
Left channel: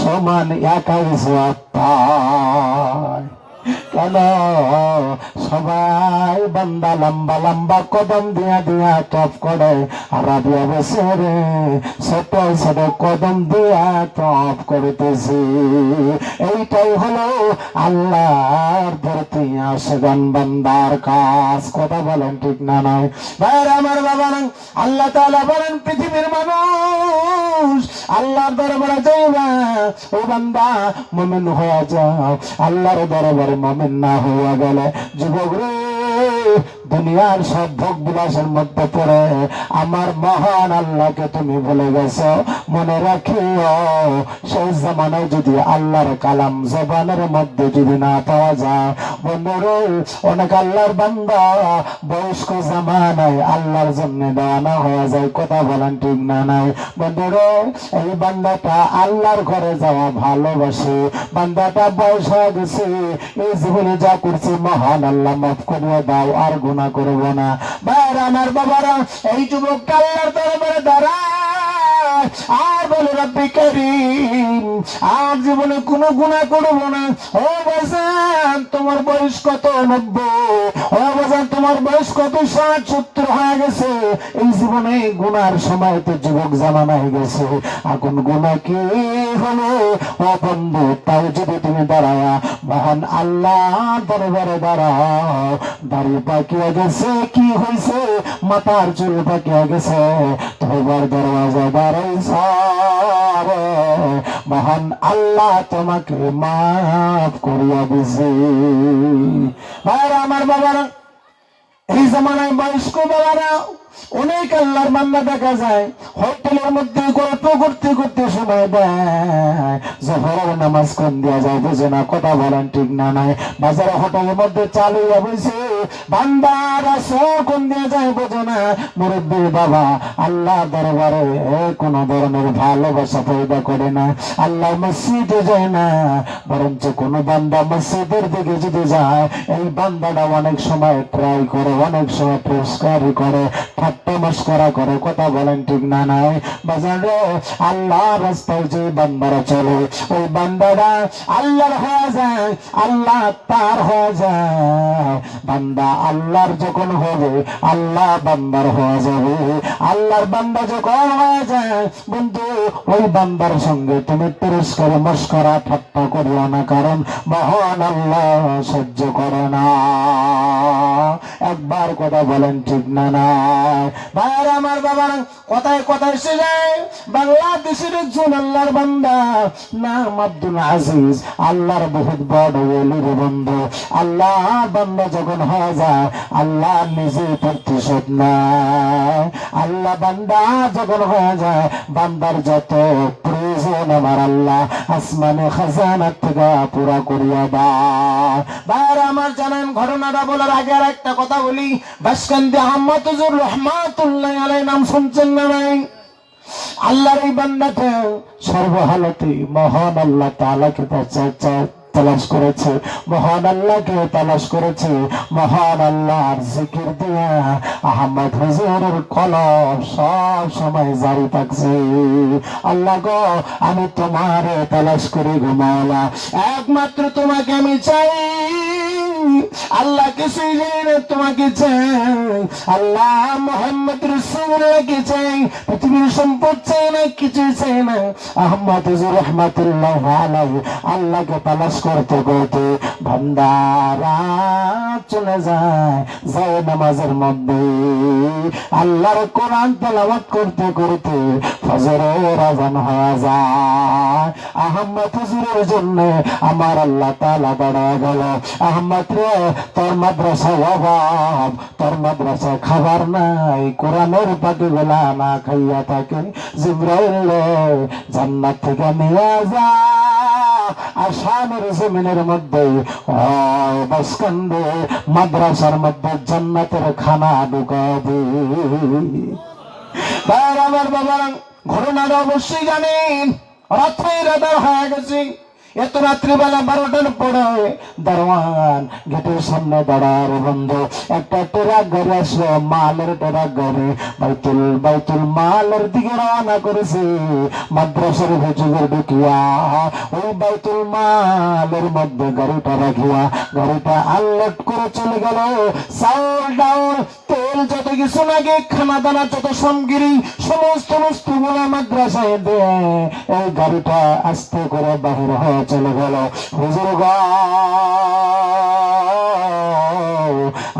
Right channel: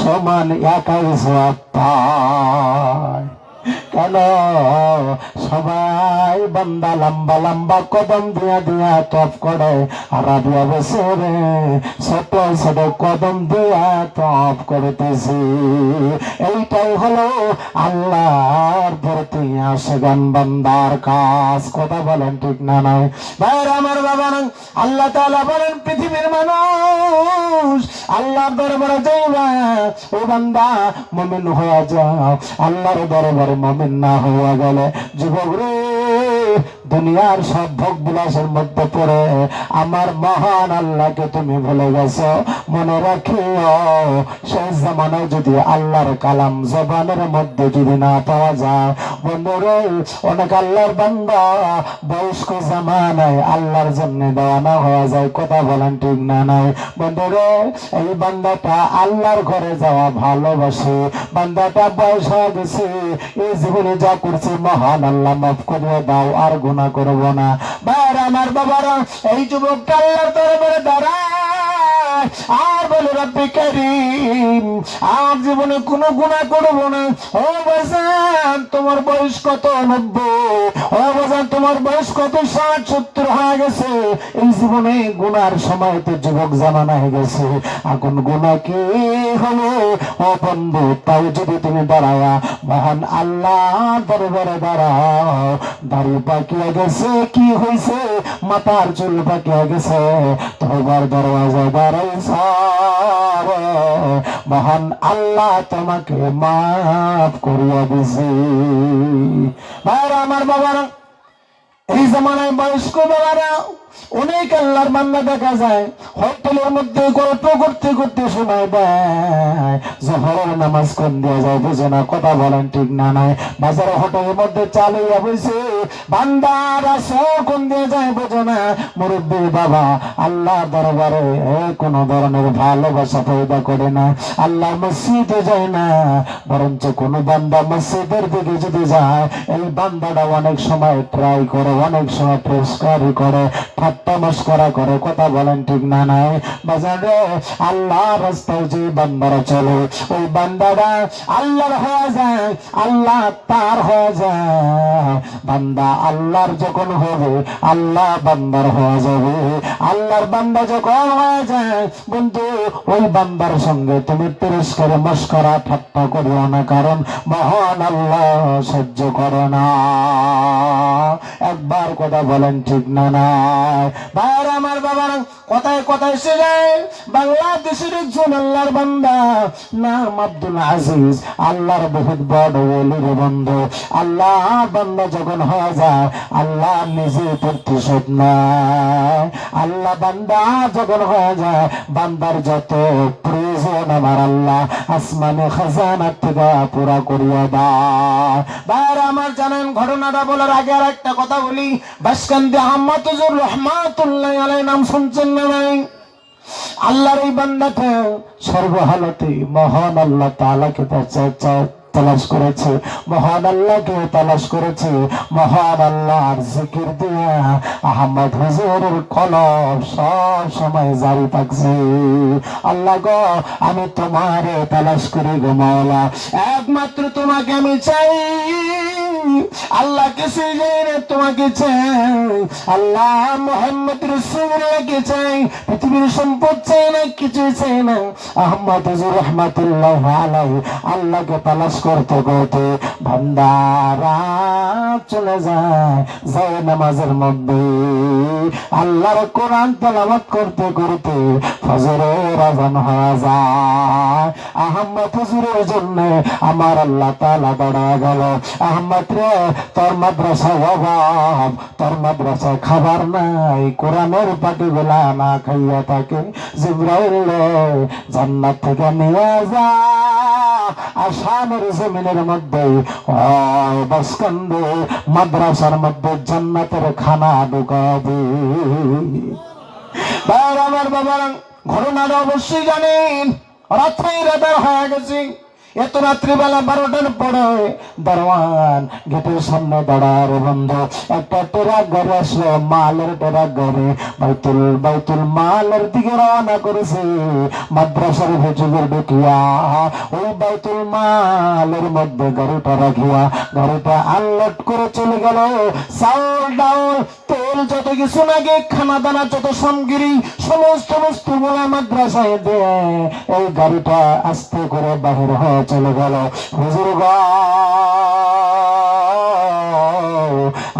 সমান একাই সব পায়। কেন সবাই বান্দা লম্বা লম্বা কদম দিয়া দিয়া তপ করে, আর আমি অবসর ছোট ছোট কদম দিয়া তপ করতেছি। এইটাই হলো আল্লাহর প্রতি আশগান বান্দার কাজ। কথা বলেন ঠিক না নাই? ভাইরা আমার, বাবা না, আল্লাহ তাআলা বলেন পৃথিবীর মানুষ আল্লাহর দরবারে যাইবা, ও বান্দা মুমিন হয়ে যাও। আল্লাহর দরবারে মুমিন না হয়ে গেলে যুবক রে, দুনিয়ার সব ভোগ বিলাসের মধ্যে পড়ে আমার মহান আল্লাহকে তুমি ভুলে গেছো। মনে রাখিও, সেই জামানায় যদি আল্লাহর কালাম জবানের মধ্যে যদি না পাওয়া যায়, বন্ধুরে অনেক আল্লাহর বান্দা বয়স্ক জামানায় আল্লাহর জন্য দেওয়ানা হয়ে যায়। কথা বলেন ঠিক না নাই? বন্ধুরে এই বান্দাটা আল্লাহর ঘরে যাওয়া ভালোবাসে, বান্দাটা বয়স হয়ে গেছে, এই জীবনে যা করছে মহান আল্লাহ মাফ করে দাও, আর গুনাহ করব না। ভাইরা আমার, বাবারা, এই যুবকটা আল্লাহর দরবারে দাঁড়ায় আর বলে রব্বি কারীম, আর জীবনে কোনো গুনাহ করব না। ও বাজান তোমার বয়স কত? 90। ও বাজান তোমার বয়স কত? 60-70 হয়ে গেছে। এই জীবনে গুনার সময় তো যুবক জামানা হয়ে গেছে, এখন গুনাহ কি হলো? ও বন্ধু, তাও যদি তুমি দাঁড়ায়া মহান আল্লাহ দরবারে দাঁড়াও, দাড়ি পাকিয়ে গেছে, কি হয়েছে? মাথার চুল পাকিয়ে গেছে, তোমার দরওয়াজায় দাঁড়াইছ, মহান আল্লাহ তোমাকে মাফ করিয়া দিছে। ভাইরা আমার, বাবারা, এই জামানায় বয়স্ক বাবারা অনেক আল্লাহর বান্দা দেখা যায় হোটেলের মধ্যে গল্প করতে করতে শোনায় দেয়, জোহরের নামাজ কোন দিয়া যায় বুঝে না। কথা বলেন ঠিক না নাই? বাজারে হোটেলের মধ্যে চালুইয়া বসে বান্দারা কোন দিয়ে যায় বোঝে না। মুরব্বী বাবা আল্লাহ দরবারে কোন ধরনের ভালোবাসা পয়দা করে না, আল্লাহ মসজিদে যায় না, বরঞ্চ কোন বান্দা মসজিদের দিকে যদি যায়, এই বান্দাটা অনেক সময় ট্রাই করে, অনেক সময় পরিষ্কারই করে, ঠাট্টা মস্করা করে। কথা বলেন ঠিক না নাই? বাজারে আল্লাহ রাস্তায় যে বান্দারা চলে, ওই বান্দারা আল্লাহর হয়ে যায়, আল্লাহ তার হয়ে যায়। বান্দা আল্লাহর যখন হবে, আল্লাহ বান্দার হয়ে যাবে। আল্লাহর বান্দা যখন হয়ে যায়, বন্ধু ওই বান্দার সঙ্গে তুমি পরিষ্কার মস্করা ঠাট্টা করিও না, কারণ মহান আল্লাহ সহ্য করে না। একবার কথা বলেন ঠিক না নাই? ভাইরা আমার, বাবারা, কথায় কথায় এসে যায় বাংলাদেশের একজন আল্লাহর বান্দা নাম আব্দুল আজিজ, আল্লাহর বহুত বড় ওলির বন্ধু। আল্লাহর বান্দা যখন হয়ে যায়, আল্লাহ নিজে প্রতিশোধ নেয়। আল্লাহ বান্দা যখন হয়ে যায়, বান্দার যত প্রয়োজন আমার আল্লাহ আসমানে খাজানার থেকে পুরা করিয়া দেয়। ভাইরা আমার, জানেন ঘটনাটা বলার আগে আর একটা কথা বলি। বাসকান্দি আহমদ হুজুর রহমাতুল্লাহ আলাইহি নাম শুনছেন না নাই? আল্লাহর এই বান্দাটা সর্বহালতে মহান আল্লাহ তাআলাকে তালাশ করেছে, মহান আল্লাহকে তালাশ করেছে। মহান আল্লাহর জিকির দিয়া আহমদ হুজুরের কলম সব সময় জারি থাকছে। আল্লাহ গো, আমি তোমারে তালাশ করি গো মাওলা, একমাত্র তোমাকে আমি চাই। আল্লাহ কিছু তোমাকে চাই, আল্লাহ মুহাম্মদ রাসূলুল্লাহকে চাই, পৃথিবীর সম্পদ চাই না, কিছু চাই না। আহমদ হুজুর রাহমাতুল্লাহ আলাইহি আল্লাহকে তালাশ করতে করতে বান্দারা চলে যায় নামাজের মধ্যে, আল্লাহর কোরআন তেলাওয়াত করতে করতে ফজরের আযান হয়ে যায়। আহমদ হুজুরের জন্য আমার আল্লাহ তাআলা দাঁড়া গেল। আহমদ রে, তোর মাদ্রাসায় অভাব, তোর মাদ্রাসায় খাবার নাই, কোরআনের পাটি বেলা না খাইয়া থাকে, জিবরাইল জান্নাত থেকে নিয়ে যা আসামের জমিনের মধ্যে বাসকান্দে মাদ্রাসার মধ্যে জান্নাতের খানা ঢুকাবে। আমার বাবা ঘটনাটা অবশ্যই জানেন। রাত্রের আধার হয়ে গেছে, এত রাত্রিবেলা 12টার পরে দারোয়ান গেটের সামনে দাঁড়ার বন্ধ। একটা ট্রাক গাড়ি আসলো, মালের ট্রাক গাড়ি বাইতুল মালের দিকে রওনা করেছে। মাদ্রাসার ভেজুগের ঢুকিয়া ওই বাইতুল মালের মধ্যে গাড়িটা রাখিয়া গাড়িটা আনলোড করে চলে গেল। চাউল ডাউল তেল যত কিছু লাগে, খানা দানা যত সামগ্রী, সমস্ত বস্তুগুলো মাদ্রাসায় দিয়ে এই গাড়িটা আস্তে করে বাহির হয়ে চলে গেল। হুজুর গো,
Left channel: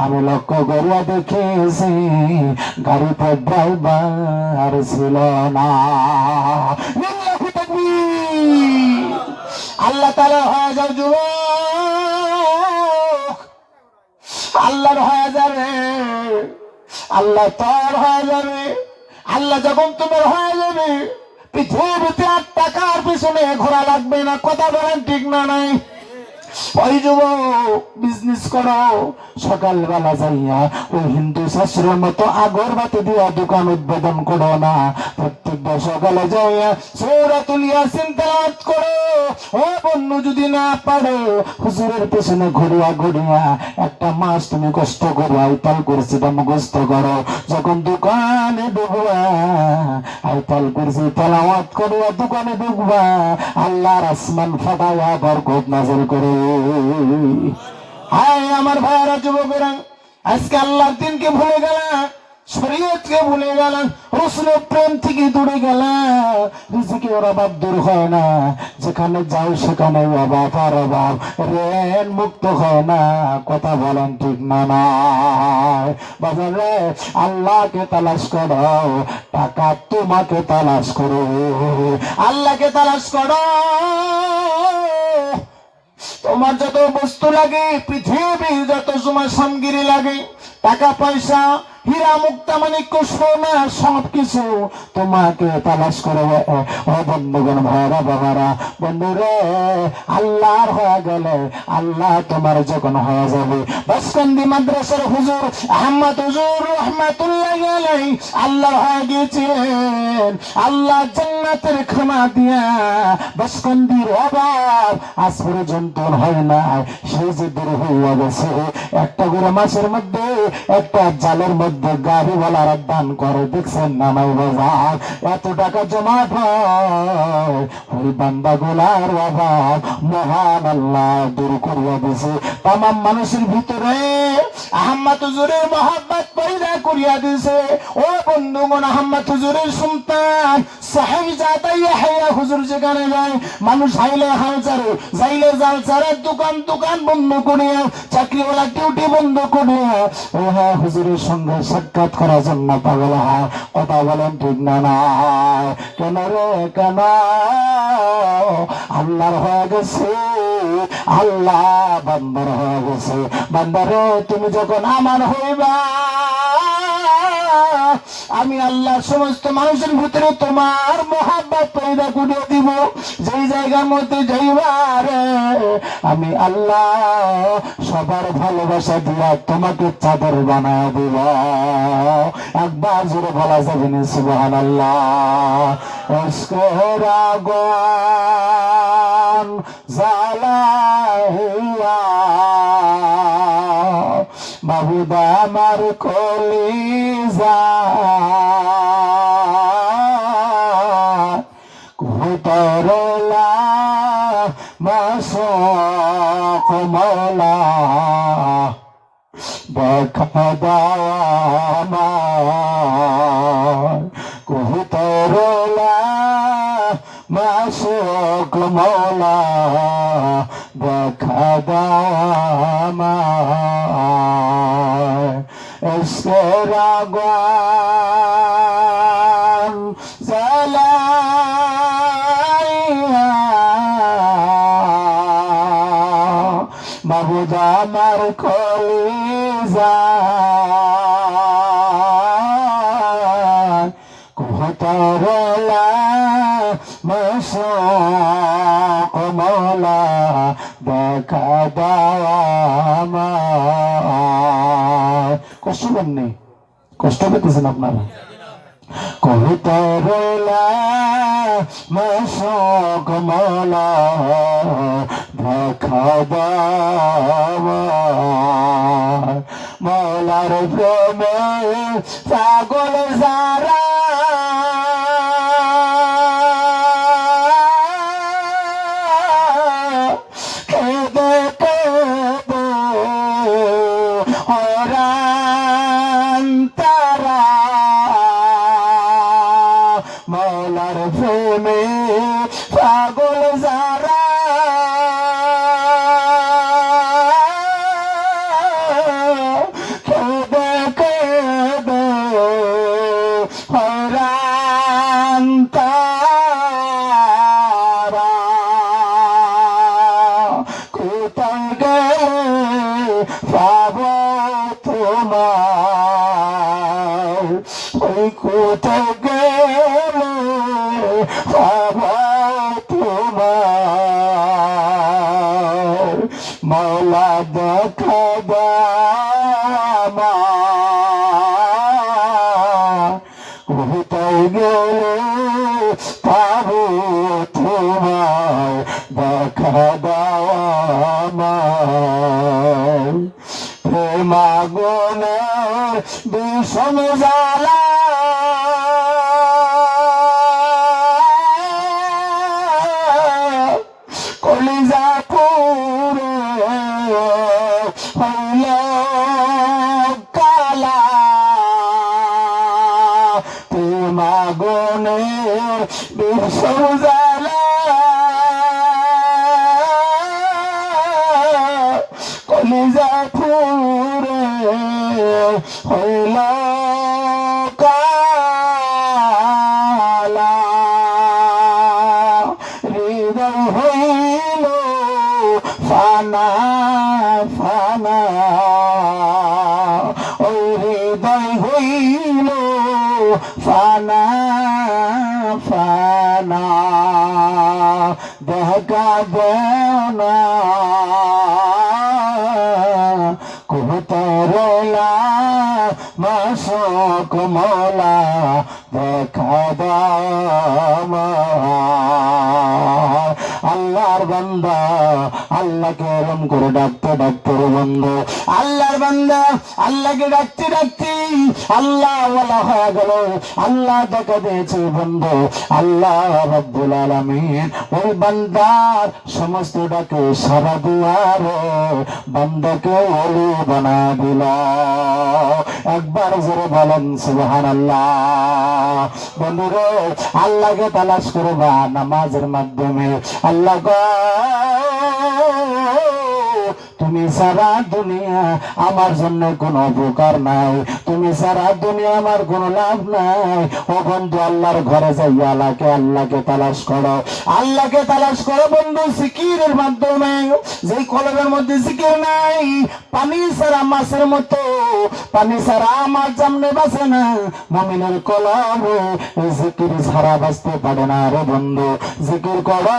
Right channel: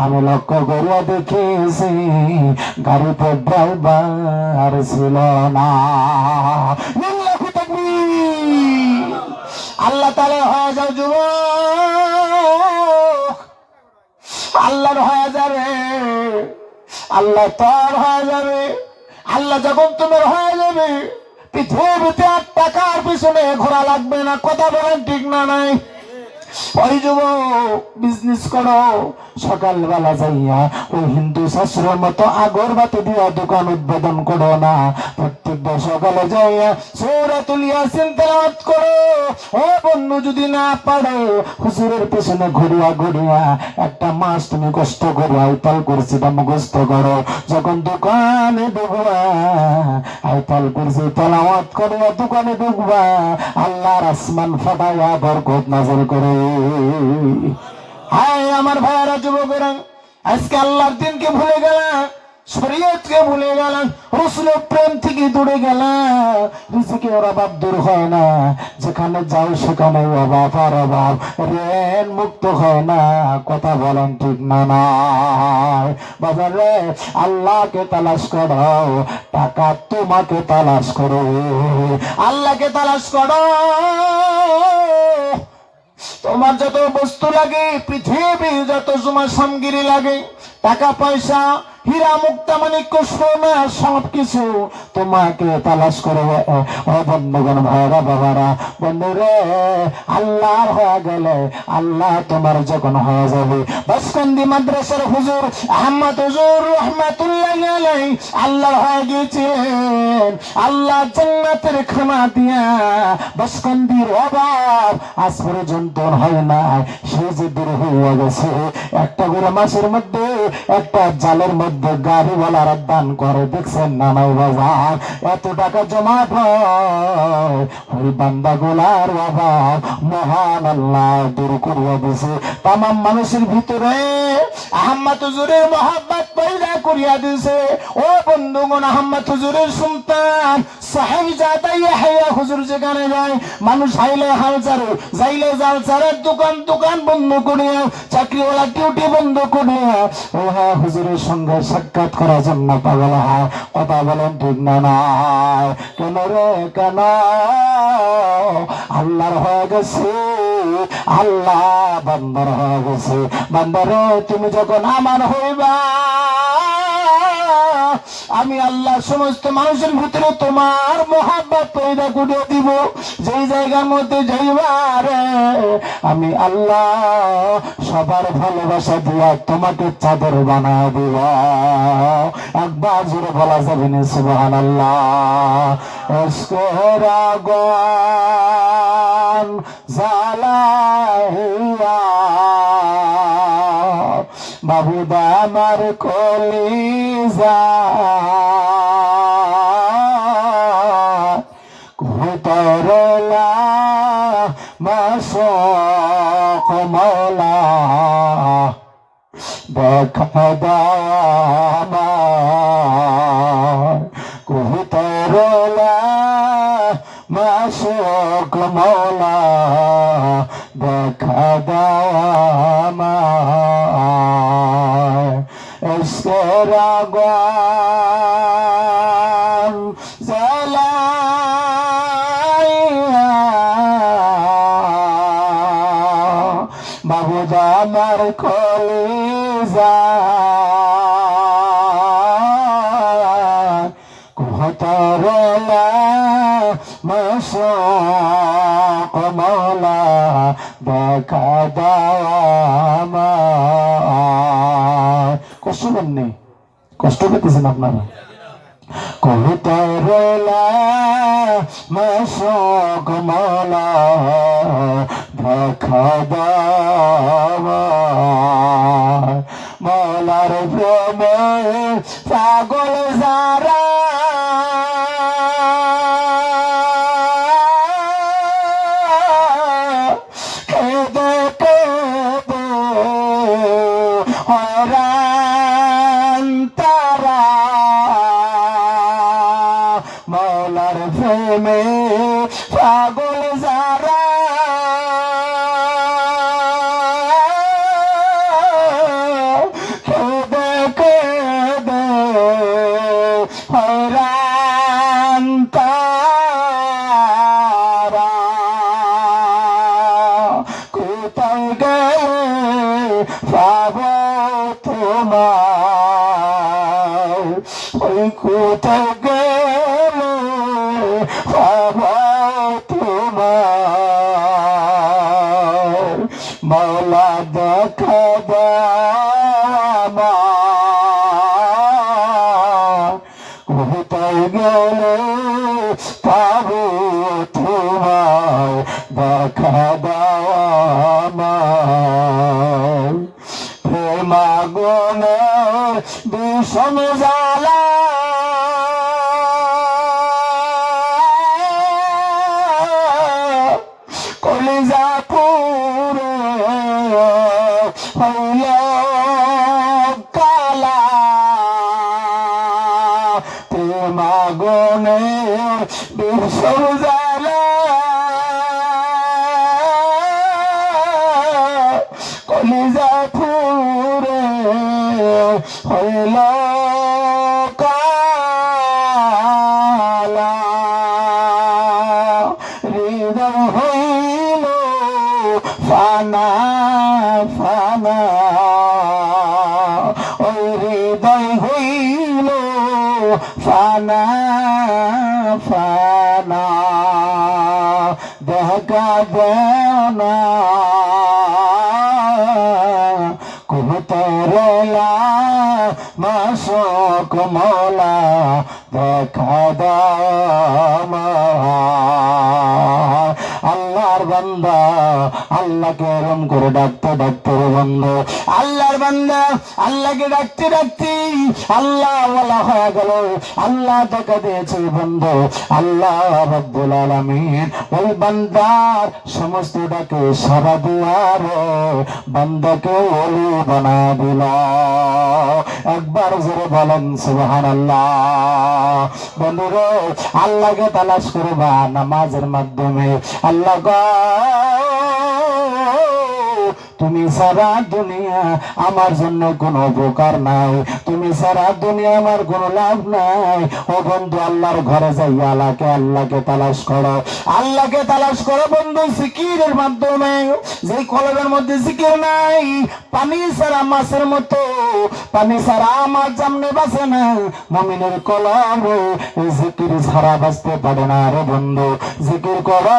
আমি লক্ষ্য করিয়া দেখেছি গাড়িতে ড্রাইভার ছিল না। আল্লাহ তাআলা হয়ে যাও যুবক, আল্লাহর হয়ে যাবে, আল্লাহ তার হয়ে যাবে। আল্লাহ যখন তোমার হয়ে যাবে, পৃথিবীতে আর টাকার পিছনে ঘোরা লাগবে না। কথা বলেন ঠিক না নাই? ওই যুবক বিজনেস করো, সকালবেলা যাইয়া ওই হিন্দু শাস্ত্রের মতো আগরবাতি দিয়া দোকান উদ্বোধন করো না। প্রত্যেকবার সকালে যাইয়া সূরাতুল ইয়াসিন তেলাওয়াত করো। ও বন্ধু, যদি না পারো হুজুরের পেছনে ঘুরিয়া ঘুরিয়া একটা মাস তুমি কষ্ট করে আইতাল কুরসিটা মুখস্থ করো। যখন দোকানে ঢুকবা আইতাল কুরসি তেলাওয়াত করিয়া দোকানে ঢুকবা, আল্লাহর আসমান ফাটাইয়া বরকত নাযিল করে। হায় আমার ভাইয়ারা, যুবকেরা, আজকে আল্লাহর দিনকে ভুলে গেলাম, শরীয়তকে ভুলে গেলাম, রাসূলের প্রেম থেকে দূরে গেলাম। রিজিকের অভাব দূর হয় না, যেখানে যাও সেখানে অভাব আর অভাব, ঋণ মুক্ত হয় না। কথা বলেন ঠিক না নাই? বাজারে আল্লাহকে তালাশ করো, টাকা তোমাকে তালাশ করো। আল্লাহকে তালাশ করো। তোমার যত বস্তু লাগে, পৃথিবী যত তোমার সামগ্রী লাগে, টাকা পয়সা, হীরা মুক্তা মানিক্য সোনা, সবকিছু তোমাকে তালাশ করে। বন্ধুগণ, ভাইরা বাবারা, বন্ধুরে, আল্লাহর হয়ে গেলে আল্লাহ তোমার যখন হয়ে যাবে। বাসকান্দি মাদ্রাসার হুজুর আহমদ হুজুর রহমাতুল্লাহি আলাইহি আল্লাহর হয়ে গিয়েছিলেন। আল্লাহ জান্নাতের খানা দিয়া বাসকান্দির অভাব আজ পর্যন্ত হয় না। সে যে দূর হয়ে গেছে। একটা করে মাসের মধ্যে একটা জালের মধ্যে গাড়িওয়ালারা দান করে, দেখছেন না নাই বাজার? এত টাকা জমা হয়, ওই বান্দা গোলার অভাব মহান আল্লাহ দূর করিয়া দিছে। তাম মানুষের ভিতরে আহমদ হুজুরের মহব্বত পয়দা করিয়া দিছে। ও বন্ধুগণ, আহমদ হুজুরের সন্তান সাহেবজাদা ইয়াহইয়া হুজুর যেখানে যায়, মানুষ হাইলে হাল ছাড়ে, যাইলে জাল ছাড়ে, দোকান বন্ধ করিয়া, চাকরিওয়ালা ডিউটি বন্ধ করিয়া ও হ্যাঁ হুজুরের সঙ্গে সাক্ষাৎ করার জন্য পাগল হয়। কথা বলেন ঠিক না নাই? কেন রে কেন? আল্লাহর হয়ে গেছে, আল্লাহ বান্দার হয়ে গেছে। বান্দারে, তুমি যখন আমার হইবা, আমি আল্লাহ সমস্ত মানুষের ভিতরে তোমার মহব্বত পয়দা করে দিব। যেই জায়গার মধ্যে যাইবার আমি আল্লাহ সবার ভালোবাসা দিয়া তোমাকে চাদর বানায় দিব। একবার জোরে বলা যাবে না সুবহানাল্লাহ? এসকের আগুন জ্বালাইয়া বাবুদা আমার কলিজা কুতরলা মাশাক মওলা দেখা দানা কুতরলা মাশাক মওলা দেখা দানা এসকের আগুন জ্বালাইয়া বাবুদা আমার কলিজা কুতরলা মাশাক মওলা দেখা দানা। কষ্ট করেননি? কষ্ট পেতেছেন আপনারা? কুতরলা মাশাক মওলা দেখা দাও মৌলার প্রেমে পাগল যারা কেঁদে কেঁদে হরান তারা মৌলার প্রেমে পাগল যারা কেঁদে কেঁদে হরান তারা কোথায় গেলে পাবো তোমার ওই কোথায় গেলে পাবো তোমার মৌলা দেখা কোথায় গেলে পাবো তোমার দেখা দাও প্রেমাগুনে বিষম জ্বালা কলিজা পুরে হইল কালা প্রেমাগুনে বিষম জ্বালা কলিজা পুরে হইল কালা হৃদয় হইল ফানা ফানা ওই হৃদয় হইল ফানা ফানা দেখা দেও না কোথায়লা মাসক মৌলা দেখা দাও আল্লাহর বান্দা আল্লাহকে এরম করে ডাকতে ডাকতে রে বন্ধু আল্লাহর বান্দা আল্লাহকে ডাকতে ডাকতে আল্লাহ ওয়ালা হয়ে গেল আল্লাহ দেখা দিয়েছে বন্ধু আল্লাহ রাব্বুল আলামিন ওই বান্দার সমস্ত ডাকে সারা দিয়ার বান্দাকে ওলি বানা দিল একবার জোরে বলেন সুবহানাল্লাহ বন্ধুরে আল্লাহকে তালাশ করবা নামাজের মাধ্যমে আল্লাহ গো তুমি সারা দুনিয়া আমার জন্য কোনো উপকার নাই তুমি সারা দুনিয়া আমার কোনো লাভ নাই ও বন্ধু আল্লাহর ঘরে যাইয়া আল্লাহকে তালাশ করো বন্ধু জিকিরের মাধ্যমে যেই কলবের মধ্যে জিকির নাই পানি ছাড়া মাছের মতো পানি ছাড়া আমার জামনে বাঁচে না মুমিনের কলবে জিকির ছাড়া বাঁচতে পারে না রে বন্ধু জিকির করো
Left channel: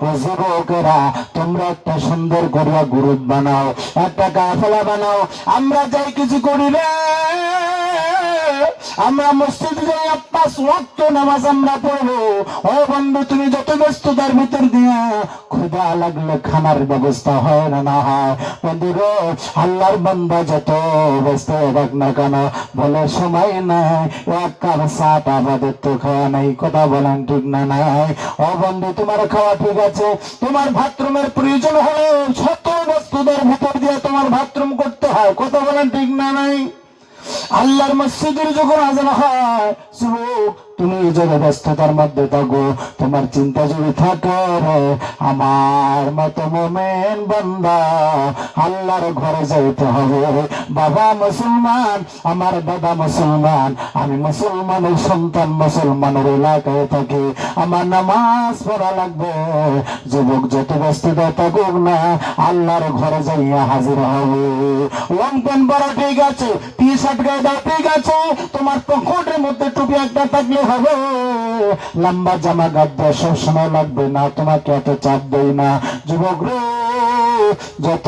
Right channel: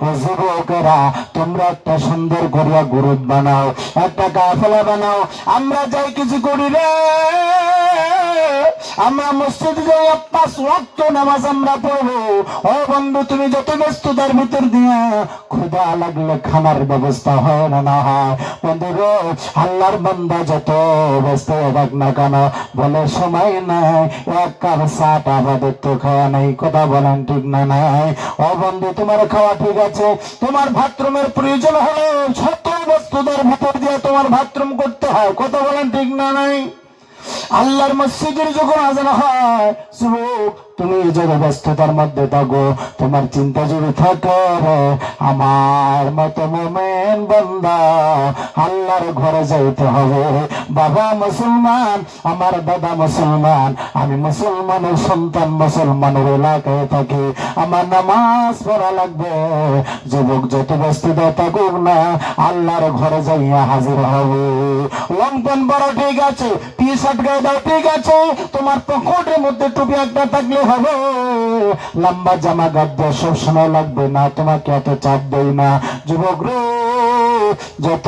ও যুবকেরা তোমরা একটা সুন্দর করিয়া গ্রুপ বানাও একটা কাফেলা বানাও আমরা যাই কিছু করি রে আমরা মসজিদে যাই 5 ওয়াক্ত নামাজ আমরা পড়বো ও বন্ধু তুমি যত ব্যস্ততার ভিতর দিয়া ক্ষুধা লাগলে খানার ব্যবস্থা হয় না হয় বন্ধু রে আল্লাহর বান্দা যত ব্যস্ত থাক না কেন বলে সময় নাই এক কাপ চাটা আমাদের তো খাওয়া নেই কথা বলেন ঠিক না নাই ও বন্ধু তোমার খাওয়া ঠিক আছে তোমার বাথরুমের প্রয়োজন হলে শত ব্যস্ততার ভিতর দিয়ে তোমার বাথরুম করতে হয় কথা বলেন ঠিক না নাই আল্লাহর মসজিদের যখন আজান হয় যুবক তুমি যদি ব্যস্ততার মধ্যে থাকো তোমার চিন্তা যদি থাকে আমার মতো মুমিন বান্দা আল্লাহর ঘরে যাইতে হবে বাবা মুসলমান আমার দাদা মুসলমান আমি মুসলমানের সন্তান মুসলমানের এলাকায় থাকি আমার নামাজ পড়া লাগবে যুবক যত ব্যস্ততা থাকুক না আল্লাহর ঘরে যাইয়া হাজির হবে লং প্যান্ট বড় ঠিক আছে টি শার্ট গায়ে দাও ঠিক আছে তোমার পকেটের মধ্যে টুপি একটা থাকলে হবে লম্বা জামা গাদ্দা সব সময় লাগবে না তোমাকে এত চাপ দেই না যুবক রে যত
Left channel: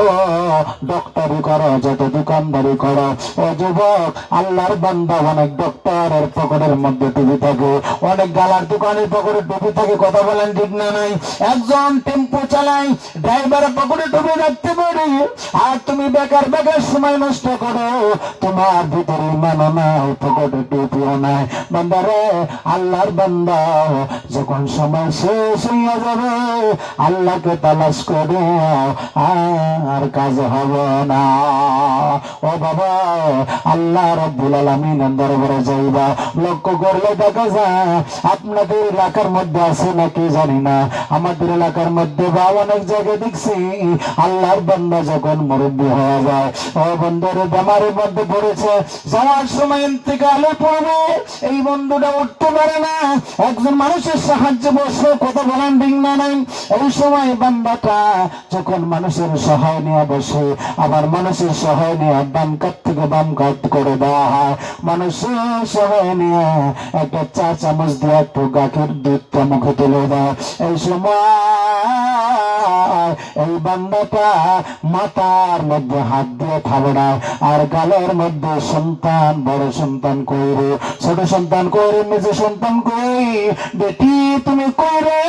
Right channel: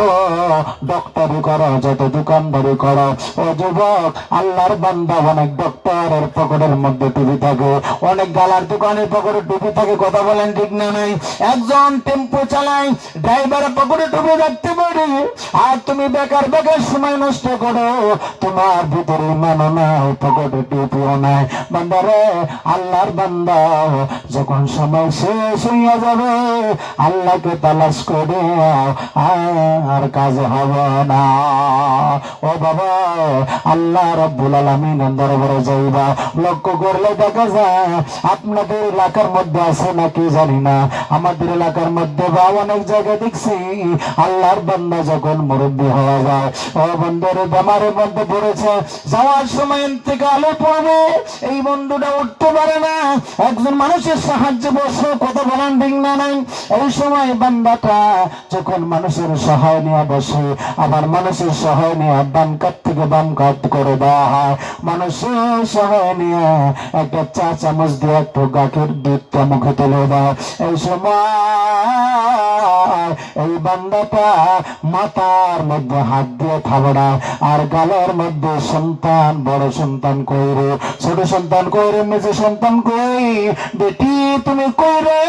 ডক্টরি করো, যত দোকানদারি করো, ও যুবক, আল্লাহর বান্দা অনেক ডক্টরের পকেটের মধ্যে টুপি থাকে, অনেক গালার দোকানের পকেটে টুপি থাকে, কথা বলেন ঠিক না নাই? একজন টেম্পো চালায়, ড্রাইভারের পকেটে টুপি রাখতে পারে, আর তুমি বেকার বেকার সময় নষ্ট করো, তোমার ভিতরে ইমানও নাই, পকেটে টুপিও নাই। বান্দারে, আল্লাহর বান্দা যখন সময় শেষ হইয়া যাবে, আল্লাহকে তালাশ করে আর কাজ হবে না। ও বাবা, আল্লাহ রাব্বুল আলামিনের দরবারে যাইবা, লক্ষ্য করলে দেখা যায় আপনাদের এলাকার মধ্যে আছে নাকি জানি না, আমাদের এলাকার মধ্যে বা অনেক জায়গায় দেখছি আল্লাহর বান্দা যখন মুরব্বী হয়ে যায়, ও বন্ধুরে বেমারের মধ্যে পড়েছে, যাওয়ার সময় ইন্তেকালে পড়বে, এই বন্ধুটা উঠতে পারে না, একজন মানুষের সাহায্যে বসে, কথা বলেন ঠিক না নাই? এই সময় বান্দাটা যখন মানুষের সহায় নিয়ে বসে, আবার মানুষের সহায় নিয়ে বাম কাত থেকে বাম কাত করে দেওয়া হয়, মানুষের সহায় নিয়ে একটা চা চামচ দিয়ে একটু গাখের দুধটা মুখে তুলে দেয়, এই সময় এই বান্দাটা মাথার মধ্যে হাত দিয়ে থাবড়ায়, আর গালের মধ্যে সন্তান, বড় সন্তান কইরে, ছোট সন্তান কইরে, মেজে সন্তান কই, বেটি তুমি কইরে,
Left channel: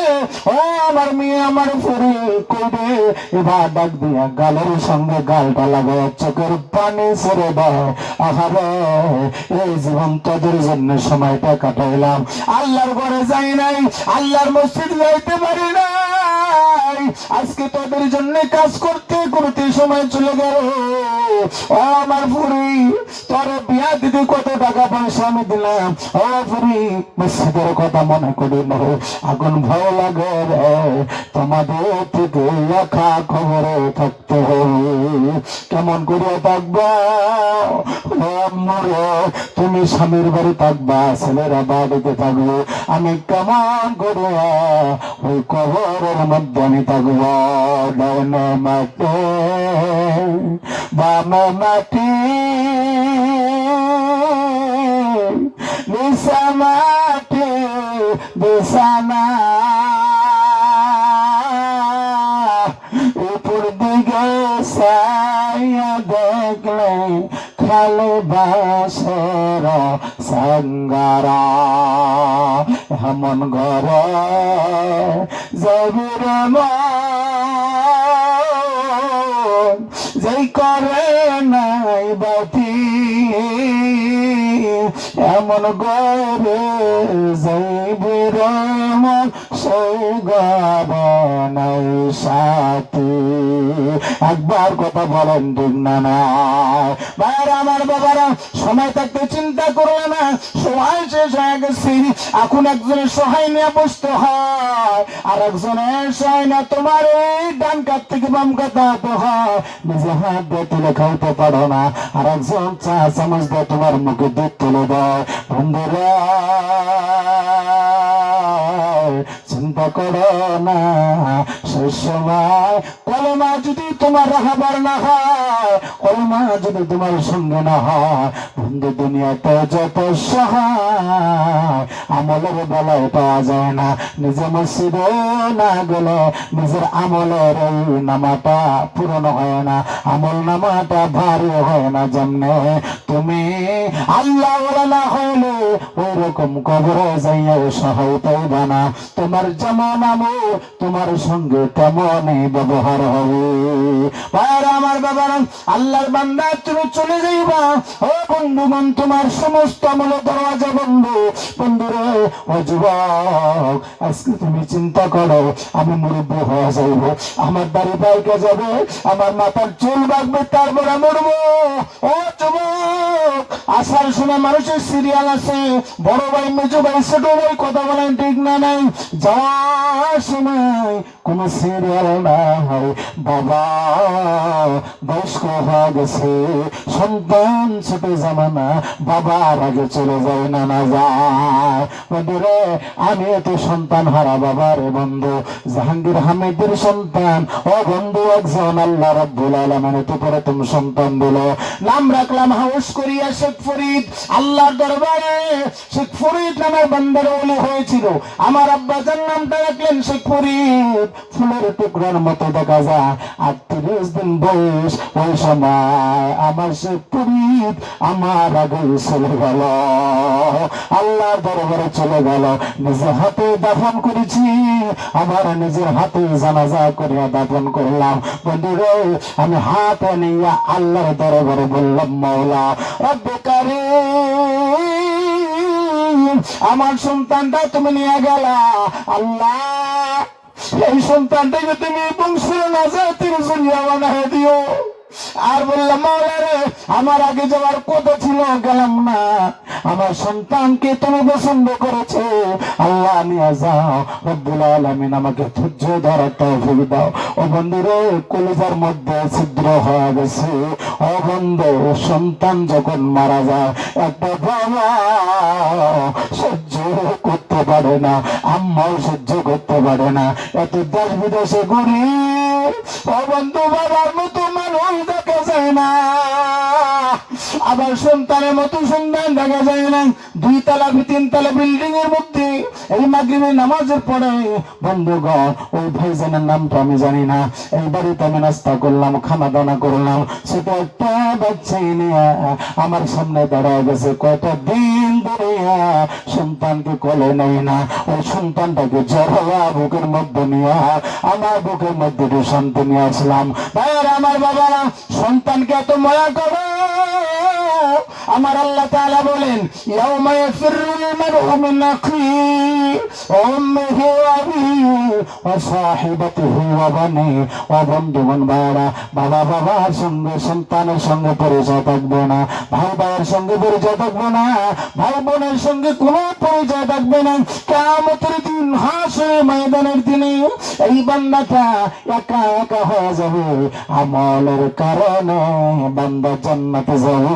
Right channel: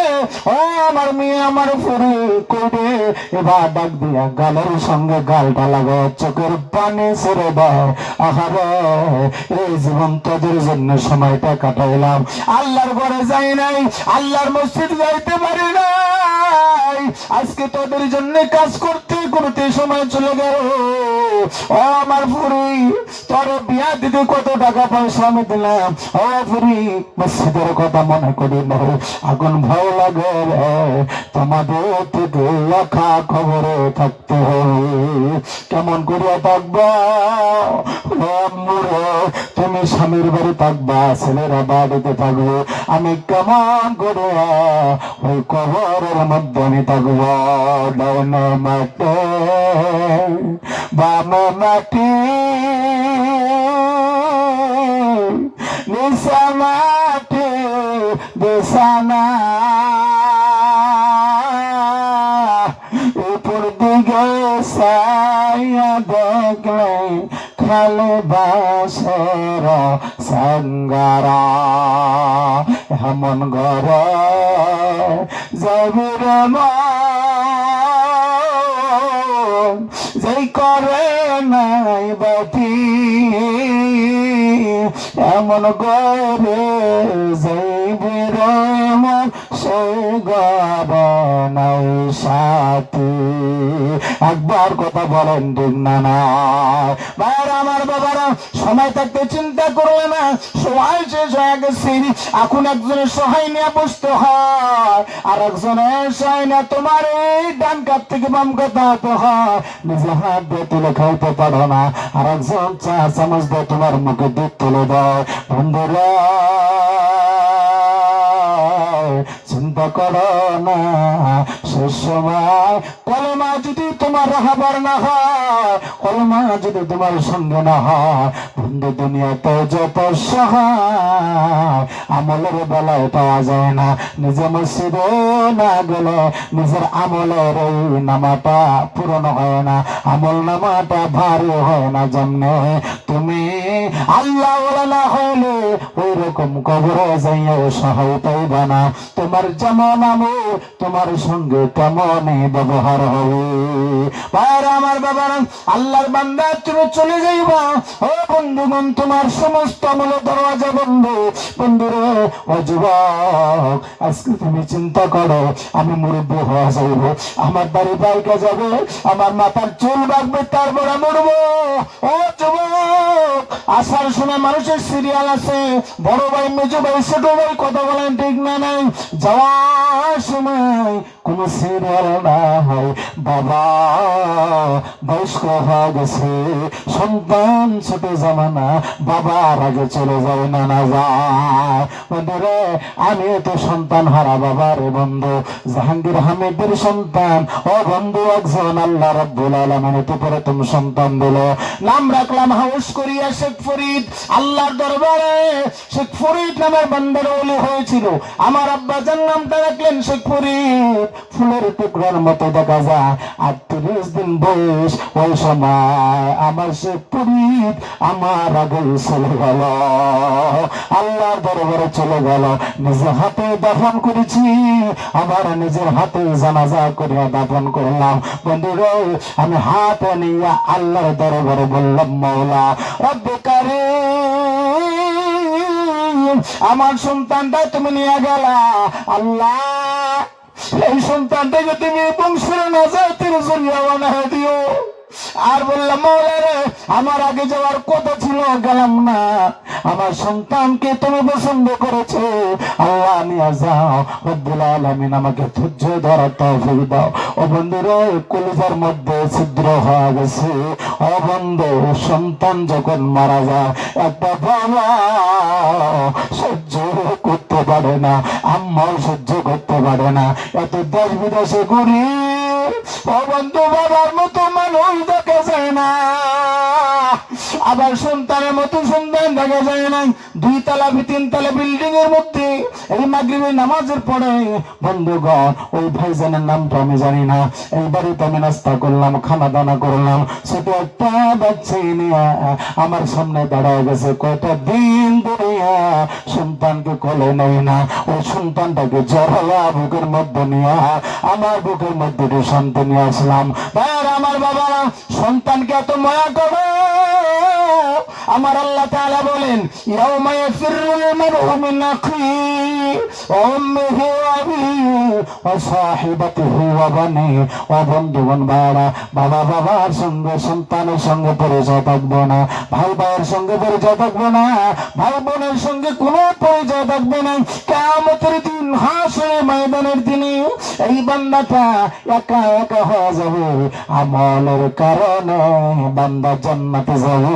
ও আমার মেয়ে, আমার ফুরি কইরে, এবার ডাক দিয়া গালের সঙ্গে গালটা লাগে, চোখের পানি ছেড়ে দেয়। আহারে, এই জীবন তোদের জন্য সময়টা কাটাইলাম, আল্লাহর ঘরে যাই নাই, আল্লাহর মসজিদ যাইতে পারি না, আজকে তোদের জন্য কাজ করতে করতে সময় চলে গেল। ও আমার ফুরি, তোর বিয়া দিতে কত টাকা পয়সা আমি দিলাম, ও ফুরি, মসজিদের কথা মনে করি না, এখন ভয় লাগে রে, তোমাদের থেকে লেখা খবরে থাকতে হবে, কেমন করে থাকবা? তুমি স্বামীর বাড়ি থাকবা, ছেলেরা বাড়িতে থাকবে, আমি কেমন করে ওই কবরের মধ্যে আমি থাকবো? ডান মাটি বাম মাটি নিশা মাটি বিছানা, উপর দিকে সাইয়া দেখলে খালে বাসর সাঙ্গারা, এমন ঘরে যাইবি রে মন, যেই করে নাই বাতি, এমন ঘরে যাইবি রে মন, সেই ঘরে নাই সাথী। একবার কথা বলেন ঠিক না না? ভাইরা আমার, বাবারা, সময় থাকতে চিন্তা করলে না, সময় শেষ হয়ে গেছে, এখন একজনের সহায় নিয়ে বসতে হয়, আর একজনের সহায় না তোমার এই ডান কাত থেকে বাম কাত হতে হয়, নিজে হাত দিয়ে তুলে খাইতে পারো না, আর একজন চা চামচ দিয়ে তোমার মুখে দুধ তুলে দেয়। বন্ধুরা, চিন্তা করো না, সে সময় কলমা যদি তোমার রাহাবার না হয়, কলমা যদি তোমার সঙ্গে না হয়, বন্ধু দুনিয়াতে যত সহায় আমলের বেলায় পাওয়া যায় না, নিজে মসজিদে না গেলে নিজের আমলের এই নামাটা পূরণ হয় না, আমল নামাটা ভারী হয় না, জন্যে তুমি আল্লাহ না হলে ওই রকম কবরে যাইয়া সহায় পাইবে না, তোমার যেমন আমল তোমার সঙ্গে তেমনই ব্যবহার হবে। ভাইরা আমার, বাবার, আল্লাহর বান্দা, তুমি চলে যাইবা, ও বন্ধুগণ, তোমার সমস্ত আমল দরওয়াজা বন্ধ। বন্ধুরে, ও যুবক, আজকে তুমি চিন্তা করো, আমি মুরব্বী হয়ে যাইব, আমার দাড়ি পাইকে যাবে, আমার মাথার চুল বাঁধবে, তারপরে মরবো। ও যুবক, আসার সময় মানুষের সিরিয়াল আছে, বড় ভাই, মেজো ভাই, ছোট ভাই, কথা বলেন ঠিক না নাই? যাওয়ার সময় কোন সিরিয়াল না হয়, বাবা বয়স্ক হয়ে গেছে, সন্তান ছোট জামানা, বাবার আগে চলে যায় না, না যায়। বন্ধুরে, আমি তো সন্তান হারা বাবার বন্ধু, জাহাঙ্গীর হামিদের সন্তান, ও বন্ধু, একজন আল্লাহ রাব্বুল আলামিন তো প্রথম সন্তান দিল, নাম রাখলাম হাউস করিয়া শেখ ফরিদ। আল্লাহর দরবারে শেখ ফরিদ নামের বান্দার ওলি হয়েছিল। আমার আব্বা যার নামটা রাখলে বলেন শেখপুরি ফুলের টুকরার মতো দেখা যায়। 38 দিন বয়স, ওই সময় আমার শেখপুরি আমার আগে চলে গেল, আল্লাহ দরবারে চলে গেল। নিজের হাতে দাফন করেছি, আমার নিজের হাতে জানাজা করিয়া দাফন করলাম। বন্ধুরা, আমি হাতে নিয়ে আল্লাহর দরবারে বললাম, মাওলা রব্বে কারীম, আমার সন্তানটা তুমি নিয়ে গেলা, আল্লাহ এই সন্তানটাকে তুমি বংশের নাজাতের জরিয়া বানায় দিও। আর বললাম, মাওলা রে, আমার আগে যাওয়ার কথা ছিল, গেলাম না, আমার সন্তানকে তুমি পছন্দ করেছো, আল্লাহ আমি যাও, রব্বুল আলামিন আমাকে ধৈর্য ধরার তৌফিক দাও। ও বন্ধুরে, কলিজার মধ্যে ছিদ্র হয়ে গেছে। ও বন্ধু, সন্তান যখন মারা যায়, একটা বাবা সহ্য করতে পারে না, আম্মাও সহ্য করতে পারে না। এত দেশ বিদেশে ঘুরি, ও বন্ধু, বাবার মতো মানুষ দেখা যায় না, আবার সন্তানের মতো সন্তান দেখা যায় না। 2 তলা 3 তলা বিল্ডিং এর মধ্যে এই মাগরিবের নামাজের পরে বন্ধুগণ, ওই ভাইজানের নামটা আমি জানি না, এই বাড়িতে আমি নাস্তা করলাম, খানা দানা করলাম, ছোট একটা বাচ্চা নিয়ে আমার সামনে দাঁড়ায় গেছে। কয়টা দিন ধরে সন্তানকে কোলে নেই না, ওই সন্তানটাকে জড়ালা বুকের মধ্যে নিয়ে আমার বুকের মধ্যে শান্তি নিয়ে আসলাম। আমার বাবা সন্তানকে এত মায়া করো, আমার আল্লাহ তাআলা বলেন, ইয়াউমা ইয়াফিরুল মার'উ মিন আখিহি ওয়া উম্মিহি ওয়া আবিহি ওয়া সাহিবাতিহি ওয়া বানিহি। ও বন্ধুগণ, বাবা বাবার সঙ্গে সন্তানের সঙ্গে পরিচয় থাকবে না, ভাই ভাইয়ের সঙ্গে পরিচয় থাকবে না, ভাই বোনের সঙ্গে কোনো পরিচয় থাকবে না। কিয়ামতের দিন, হাসরের ময়দানের দিনে এই বান্দাটা একা একা হয়ে যাবে। আমলের কারণে বান্দা জান্নাতে যাবে,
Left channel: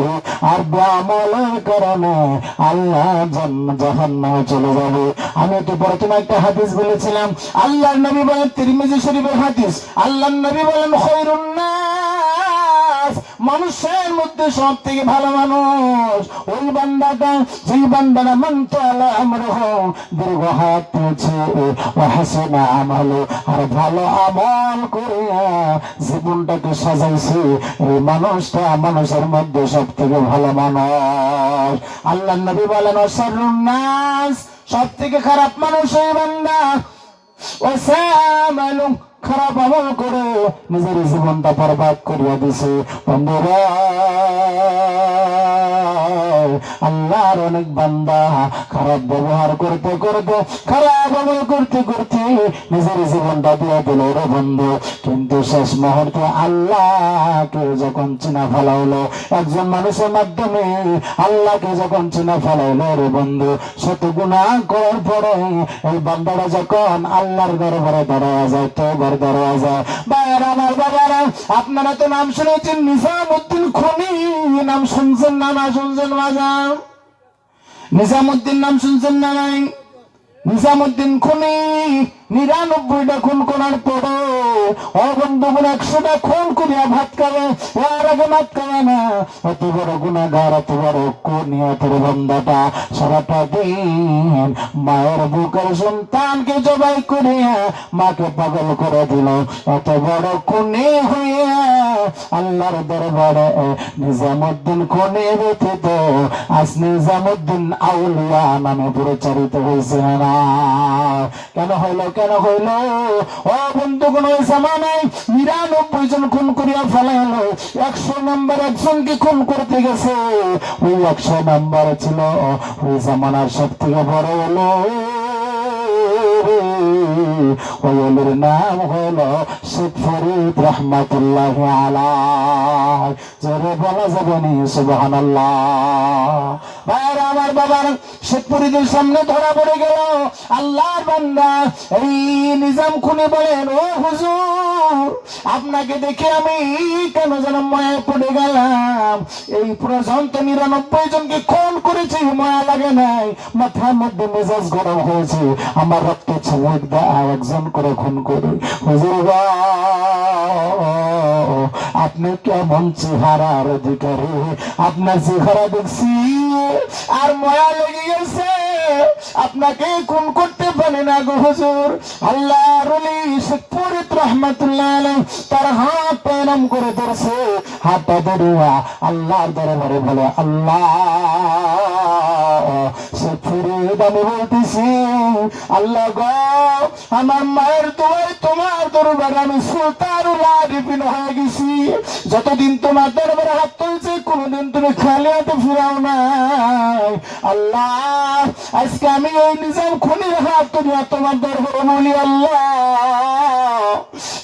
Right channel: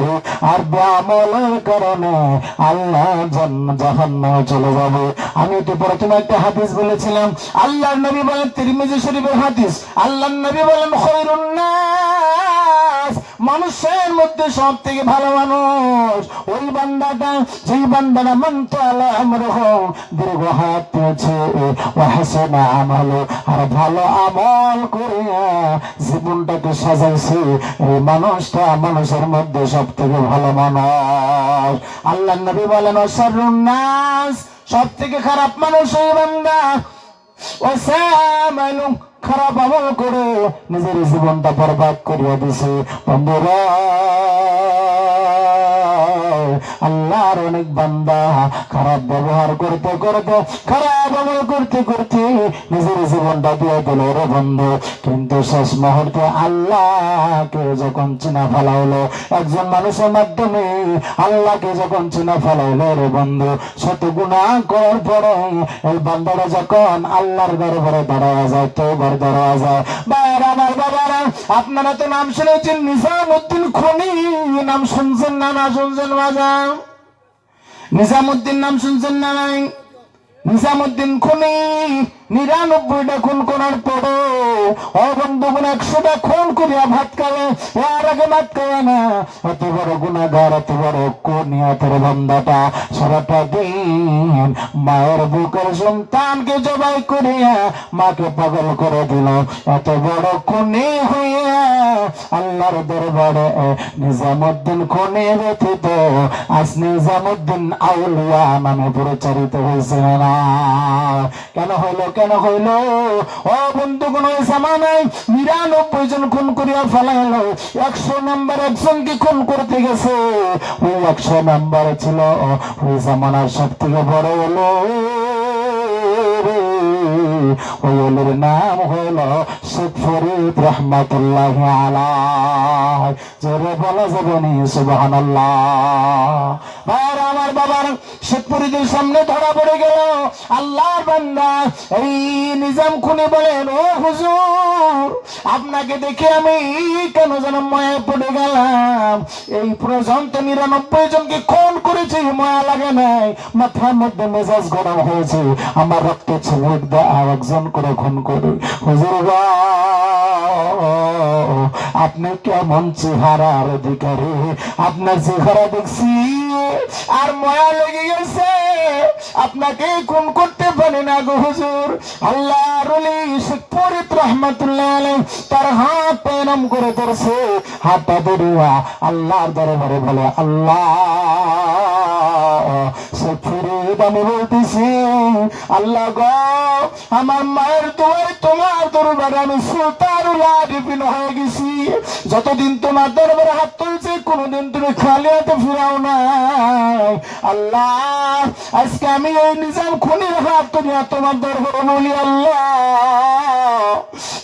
আর আমলের কারণে আল্লাহ জাহান্নামে চলে যাবে। আমি তো প্রথমে একটা হাদিস বলেছিলাম, আল্লাহর নবী বলেন, তিরমিজি শরীফের হাদিস, আল্লাহর নবী বলেন, খায়রুন নাস, মানুষের মধ্যে সব থেকে ভালো মানুষ ওই বান্দাটা, যেই বান্দারা মান তাআলা আমরহু, দীর্ঘ হায়াত পেয়েছে, ওয়া হাসানা আমালু, আর ভালো আমল করিয়া জীবনটাকে সাজাইছে, এই মানুষটা মানুষের মধ্যে সব থেকে ভালো মানুষ। আল্লাহর নবী বলেন, শাররুন নাস, সব থেকে খারাপ মানুষ ওই বান্দা, ওয়াসামালু, খারাপ আমল করে নিজের জীবনটা বরবাদ করিয়া দিছে। বন্ধুরা, আল্লাহর অনেক বান্দা খারাপ ব্যবহার করতে করতে, খারাপ আমল করতে করতে নিজের জীবনটা দিয়ে দিল রে বন্ধু। কিন্তু শেষ মুহূর্তে আল্লাহকে যখন চিনা ফেলাইলো, একজন মানুষের মাধ্যমে আল্লাহকে যখন চিনা ফেলাইলো রে বন্ধু, শত গুনাহ করার পরে এই বান্দারা যখন আল্লাহর দরবারে দাঁড়ায় যায়, তওবার দরওয়াজা, বাইরে আমার বাবারা, আপনারা তো নাম শুনেছেন নিজামউদ্দিন খনি, নাম শুনছেন না? না শুনছেন বাজার? নিজামউদ্দিন নাম শুনছেন না? নাই? নিজামউদ্দিন খনি 99টা খুন করার পরে ও বন্ধুগুলো 100টা খুন করিয়া ভাত খাবে, এর আগে ভাত খাবে না। এত বড় গুনাহগার, এত বড় নিয়তের বান্দাটা সারাটা দিন মায়ের বুকের সন্তানকে জবাই করিয়া মাকে পাগল করে দিল। এত বড় খুনি হইয়া আল্লাহর দরবারে নিজামউদ্দিন খনি ব্যতীত আজ নিজামউদ্দিন আউলিয়া নামে পরিচালিত হয়েছে না। কেন হইল? কেন হইল? ও বন্ধুগণ, ওই জামানায় 99 জন খুন করিয়া ফেলাইলো, 100 নম্বর একজনকে খুন করতে গেছে। ওই 100 নম্বর ছিল ওই জামানার সব থেকে বড় হলো, ওই ওলির নাম হলো শেখ ফরিদ রহমাতুল্লাহি আলাইহি। জোরে বলা যাবে না সুবহানাল্লাহ? ভাইরা আমার, বাবার শেখ ফরিদের সামনে ধরা পড়ে গেল আল্লাহর বান্দা। এই নিজাম খুনি বলেন, ও হুজুর, আপনাকে দেখে আমি কেন যেন মায়া পড়ে গেলাম। এই পর্যন্ত 99 জনকে খুন করেছি, মায়া লাগে নাই, মাথার মধ্যে মেজাজ গরম হয়েছে, আমার রক্ত ছেলে একজন করে খুন করে। হুজুর, আপনি কেমন চেহারার অধিকারী, আপনার চেহারা দেখছি আর মায়া লেগে গেছে। আপনাকেই খুন করতে পারি না গো হুজুর। আল্লাহর ওলি শেখ ফরিদ রহমাতুল্লাহ আলাইহি তার হাত প্রণাম করে ধরছে, হাতটা ধরিয়া আল্লাহর দরবারে বলে, আল্লাহ শেখ ফরিদ আমি বলতেছি, আল্লাহ গো আমার মায়ের দোয়ায় তোমার দরবারে আমি সুলতানুল আরিফিন হয়ে গেছি। যতদিন তোমার দরবারে হাত তুলছি কোনদিন তুমি খালি হাতে ফিরাও নাই। আল্লাহ আজকে আমি এই নিজাম খুনির হাত তুলিয়া তোমার দরবারে বলি, আল্লাহ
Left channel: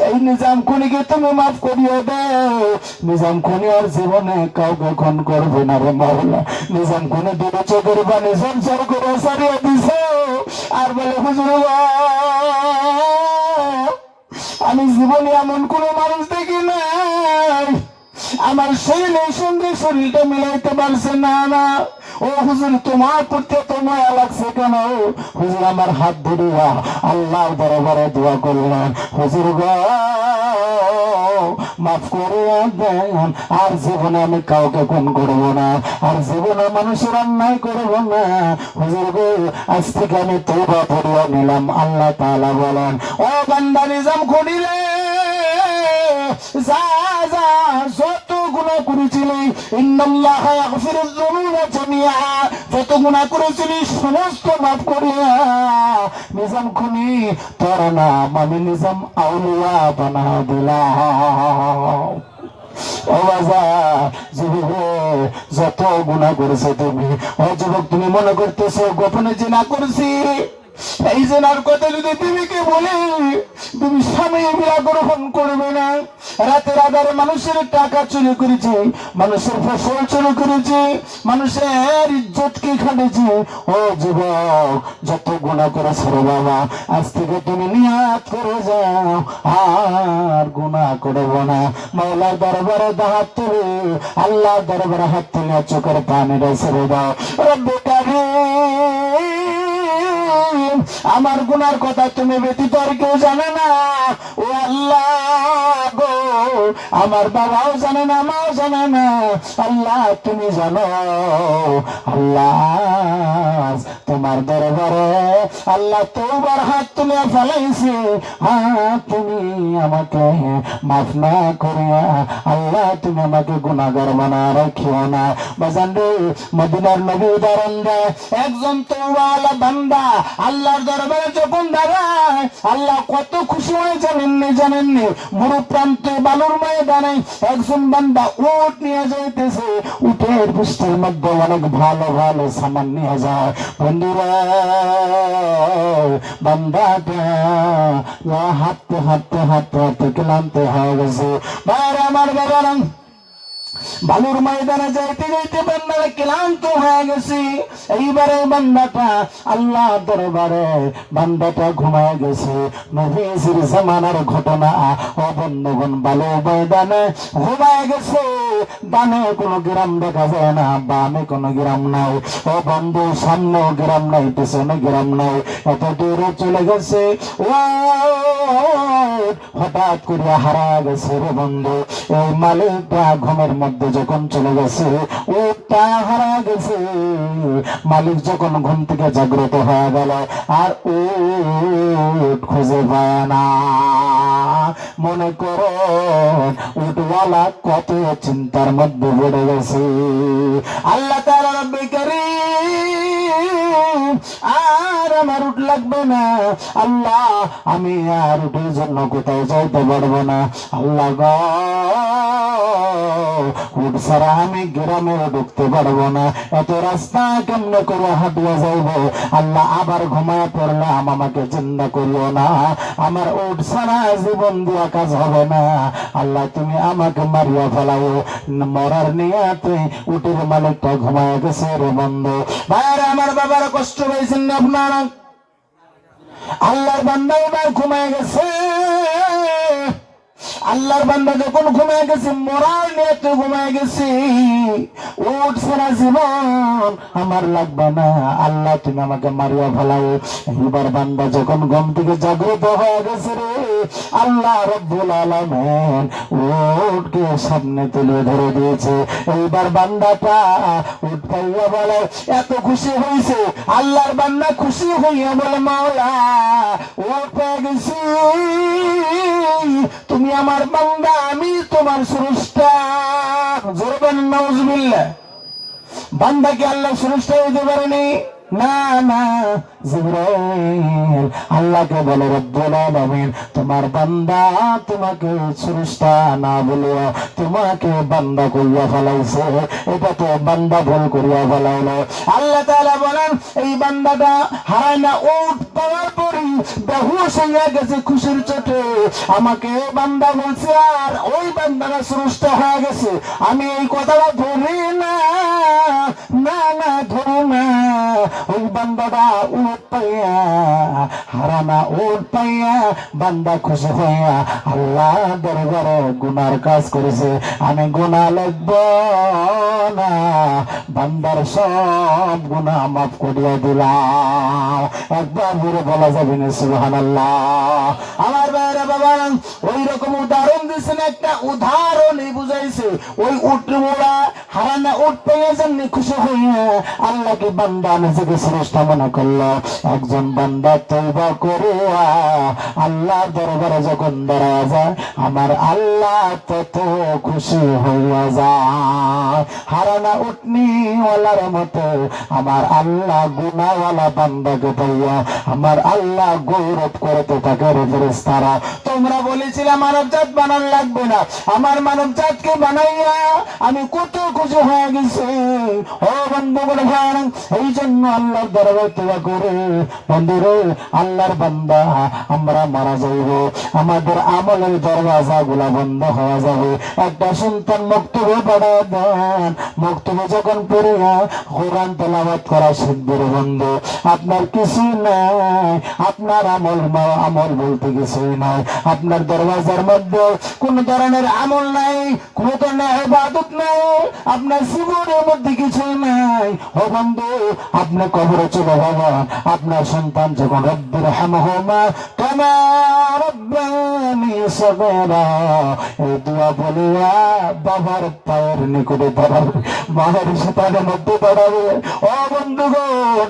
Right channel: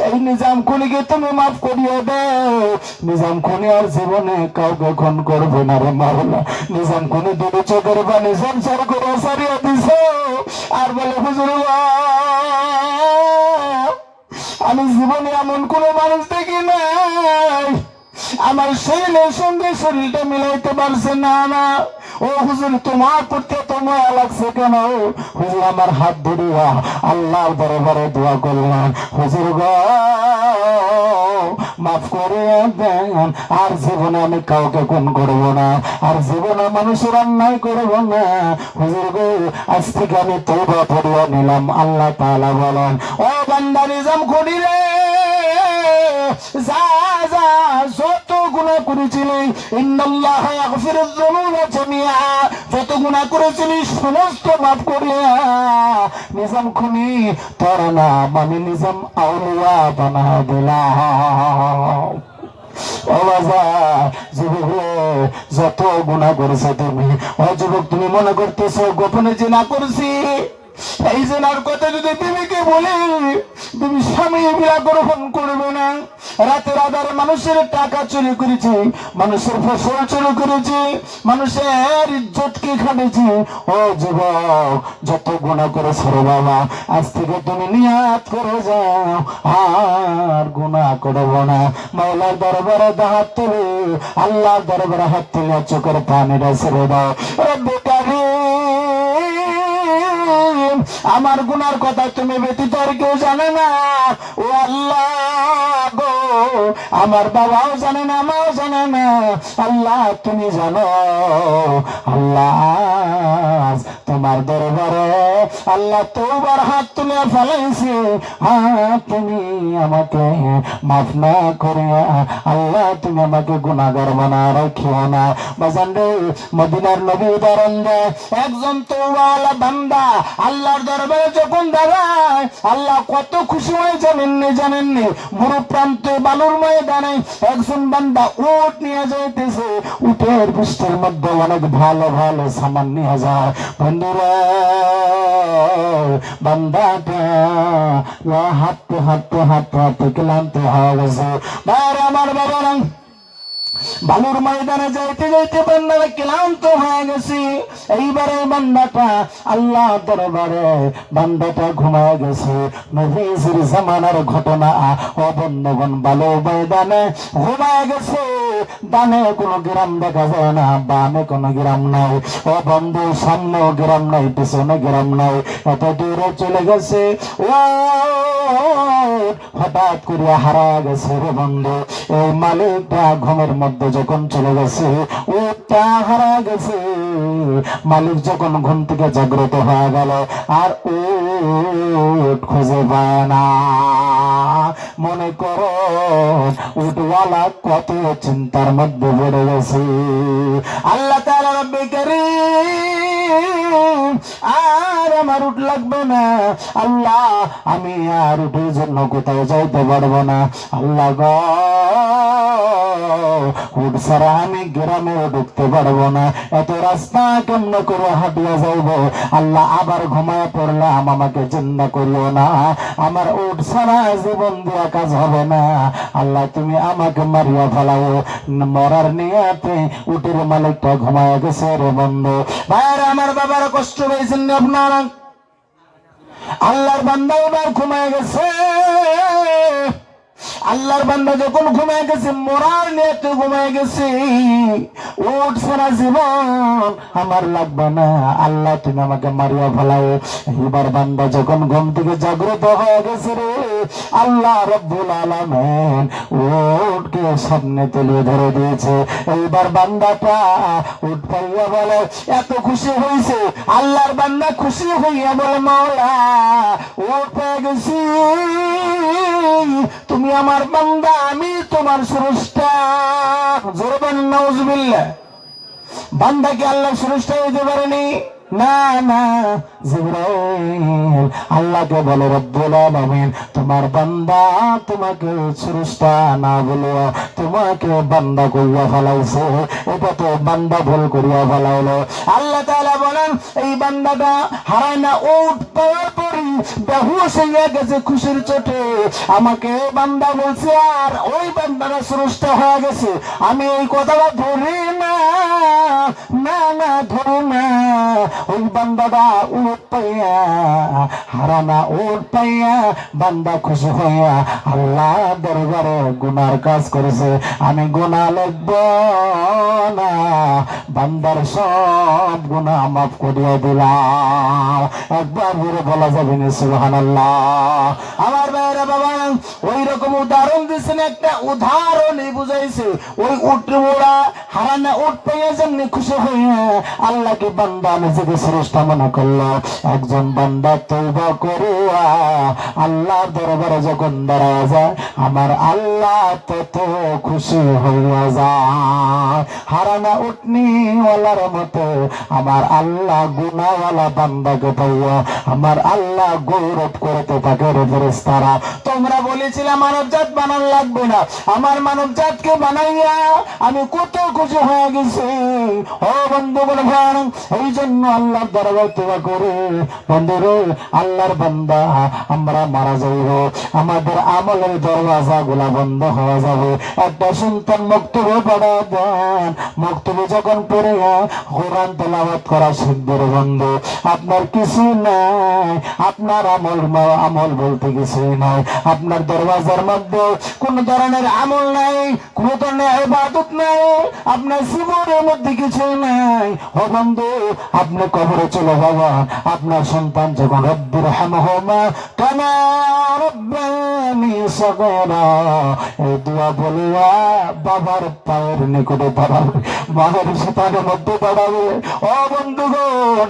এই নিজাম খুনিকে তুমি মাফ করিয়ে দাও। নিজাম খুনি আর জীবনে কাউকে খুন করবে না রে মাওলা। নিজাম খুনি দুটো চোখের পানি সংসার করে সারিয়ে দিছ। আর বলে হুজুর আমি জীবনে এমন কোন মানুষ দেখি নাই, আমার শরীরের সঙ্গে শরীরটা মিলাইতে পারছে না। ও হুজুর তোমার প্রতি তোমার লাগছে কেন? হুজুর আমার হাত ধরিয়া আল্লাহর দরবারে দোয়া করলাম, হুজুর গো মাফ করে দেন, আর জীবনে আমি কাউকে খুন করবো না, আর জীবনে মানুষের অন্যায় করবো না। হুজুর গো আজ থেকে আমি তওবা করিয়া নিলাম। আল্লাহ তাআলা বলেন, ও বান্দা নিজাম খুনি রে, যা যা যত গুনাহ করেছিলি, ইন্নাল্লাহ ইয়াগফিরুয যুনুবা জামিআ, যত গুনাহ করেছিলি সমস্ত মাফ করিয়া নিজাম খুনি তোর নাম আমি নিজাম আউলিয়া বানায় দিলাম। ও বাজার যুবক যত গুনাহ করেছো তুমি, ও যুবক তুমি মনে করতেছো গোপনে জিনা করছি, এই জেনার কথা যদি তুমি কি বলি তুমি স্বামী বিয়া গ্রহণ করবে না। রাতের আধারে মানুষের টাকা চুরি করেছি, মানুষের ফসল চুরি করেছি, মানুষের ইজ্জতকে খাটেছি। ও যুবক যত গুনাহ করেছো রে বাবা, আজ থেকে তুমি নিয়াত করে যাও আর গুনাহ করবো না। মাওলার দরবারে হাত তুলে আল্লাহর দরবারে হাত তুলে চোখের পানিটা ছেড়ে দাও। রব্বে কারীম আমার গুনার কথা তুমি ব্যতীত আর কেউ জানে না। ও আল্লাহ গো আমার বাবাও জানে না, মাও জানে না, আল্লাহ তুমি জানো। আল্লাহ তোমার দরবারে আল্লাহ তোবার হাত তুলে ফেলাইছি, তুমি আমাকে মাফ না করিয়া আল্লাহ তুমি আমাকে গুনাহগার বানায় রাখিও না। বাজান রে মদিনার নবী উদাহরণ দেয়, একজন তওবাওয়ালা বান্দা আল্লাহর দরবারে যখন দাঁড়ায় আল্লাহ কত খুশি হয় জানেননি। বুড়ো প্রান্তে বালুর ময়দানে একজন বান্দা উট নিয়ে যাইতেছে, উটের পৃষ্ঠের মধ্যে অনেক ভালো ভালো সামান নিয়ে যায়। বন্ধুরা বান্দাটা হাঁটতে হাঁটতে হাঁটতে হাঁটতে ক্লান্ত হয়ে গেছে। আমার বাবা বালুর ময়দানে যাইতে যাইতে বান্দারা ক্লান্ত হয়ে গেছে। এইবারে বান্দাটা আল্লাহ দরবারে বান্দাটা ঘুমায় গেছে। নবীজির জামানার ঘটনা। ও বন্ধুগণ বালুর ময়দানে ঘুমায় গেছে, ডানে কোনো গ্রাম দেখা যায় না, বামে কোনো গ্রাম নাই। ও বন্ধু সামনেও গ্রাম নাই, পিছনে গ্রাম নাই, এত দূরে চলে গেছে। ও হঠাৎ করে হারা গেছে রে বন্ধু। এই মালিকটা ঘুমের মধ্যে যখন চলে গেছে, ওটা হারা গেছে। মালিক যখন ঘুম থেকে জাগ্রত হয়ে গেল আর উট খুঁজে পায় না। মনে করো উটওয়ালা কত চিন্তার মধ্যে পড়ে গেছে। আল্লাহ তাআলা রব্বে কারীম আর আমার উট লাগবে না, আল্লাহ আমি আর উটের জন্য কোথায় যাইতে পারবো না। আল্লাহ গো উট ছাড়া আমি গ্রামে ঢুকতে পারবো না, এত রাস্তা কেমন করে হাঁটিয়ে যাইব। আল্লাহ আবার ঘুমায় পড়লাম, আমাকে জিন্দা করিও না, আমার উট ছাড়া জীবন দেওয়া কাজ হবে না। আল্লাহ তুমি আমাকে মারিয়া ফেলাও। মরার নিয়াতে উটের মালিকটা ঘুমায় গেছে রে বন্ধু। ভাইরা আমার বাবার কষ্ট পেয়েছেন আপনারা। আল্লাহর বান্দা ঘুমায় গেছে। আল্লাহর বান্দা যখন ঘুমায় গেছে মরার নিয়তে ঘুমায় গেছে। উঠ সারা জীবন আমার লাগবে না, আল্লাহ তুমি আমাকে মারিয়া ফেলাও। এবার বান্দা যখন ঘুম থেকে জাগ্রত হয়ে গেছে রে আল্লাহ রাব্বুল আলামিন উটকে সামনে তুলে ধরে দিয়েছে। এইবার বান্দাটা উট পাইয়া বলে এত খুশি হয়েছে, আল্লাহর বান্দা খুশি হইয়া বলে মাওলা উট পেয়ে গেছি, তুমি আমার বান্দা, আমি তোমার স্রষ্টা। জোরে বলেন নাউজুবিল্লাহ। বান্দা কি আল্লাহ স্রষ্টা হইতে পারেনি? না না, জিবরাইল আল্লাহকে বলে রব্বুল আলামিন তোমার বান্দা তোমাকে স্রষ্টা না বলে তোমাকে বান্দা কইয়া ফেলাইছে, এটা তো বান্দা ভুল করিয়া ফেলাইলো। আল্লাহ তাআলা বলেন এই বান্দাটা হারায় না উট পাওয়ার পরই বেহুশ হইয়া গেছে খুশির চোটে, আমাকে বান্দা বলছে আর ওই বান্দারা স্রষ্টা হয়ে গেছে। আমি এই কথাটা ধরি না, না না ধরি না। ওই বান্দাটা উট পাইয়া হারানা উট পাইয়া বান্দা খুশি হইয়া আল্লাহ দরবারে গুনার কাজ করেছে, আমি গুনাহ লিখব না, বান্দার সব গুনাহ মাফ করিয়া দিলাম। একবার বলে বলা যাবে না সুবহানাল্লাহ। আমার ভাইরা বাবা ওই রকম উদাহরণ দিয়েছেন, একটা উদাহরণই বুঝাইছে। ওই উট মোড়া হারানা উট পাইয়া যেমনি খুশি হইয়া আল্লাহকে বান্দা নিজেকে স্রষ্টা মনে করলো, একজন বান্দা তওবা করে আল্লাহ দরবারে যখন দাঁড়ায় যায় আমার আল্লাহ তত খুশি হইয়া যায়। হারানা উটনিওয়ালার মতো আমার আল্লাহ গুনাহওয়ালা বান্দাকে পাইয়া আমার আল্লাহ গৌরব করতে থাকে। রে ফেরেশতারা তোমরা বলেছিলে মানব জাত বানানো লাগবে না, আমার মানব জাতকে বানাইয়া আমি কত খুশি হয়ে গেছি। ও বন্ধুগণ এই জন্য আল্লাহর দরবারে তওবা করে বন্ধুরে আল্লাহর বান্দা আমরা মারা যাইব, আমাদের আমলের দরওয়াজা গুলা বন্ধ হয়ে যাবে। একটা সন্তান মক্তবে পড়া দেন, মক্তবে যখন পড়ে কোরআন তেলাওয়াত করা শিখবে বন্ধু, আপনার কিছু নাই, আপনার আমল বলতে কিছু নাই, আপনার দরওয়াজার মধ্যে কোন ধরনের আমল নাই, কোন ধরনের ইবাদত নাই, আপনার জীবনের মধ্যে কিছু নাই। ও বন্ধু আপনি কবরে চলে যাবেন, আপনার সন্তান যখন রব্বির হামহুমা কামা রাব্বানি সগীরা এই দোয়া বলিয়া বাবার পায়ের নিকটে দাঁড়াবে, মায়ের সেতারের মধ্যে দাঁড়াবে। ও বন্ধুগণ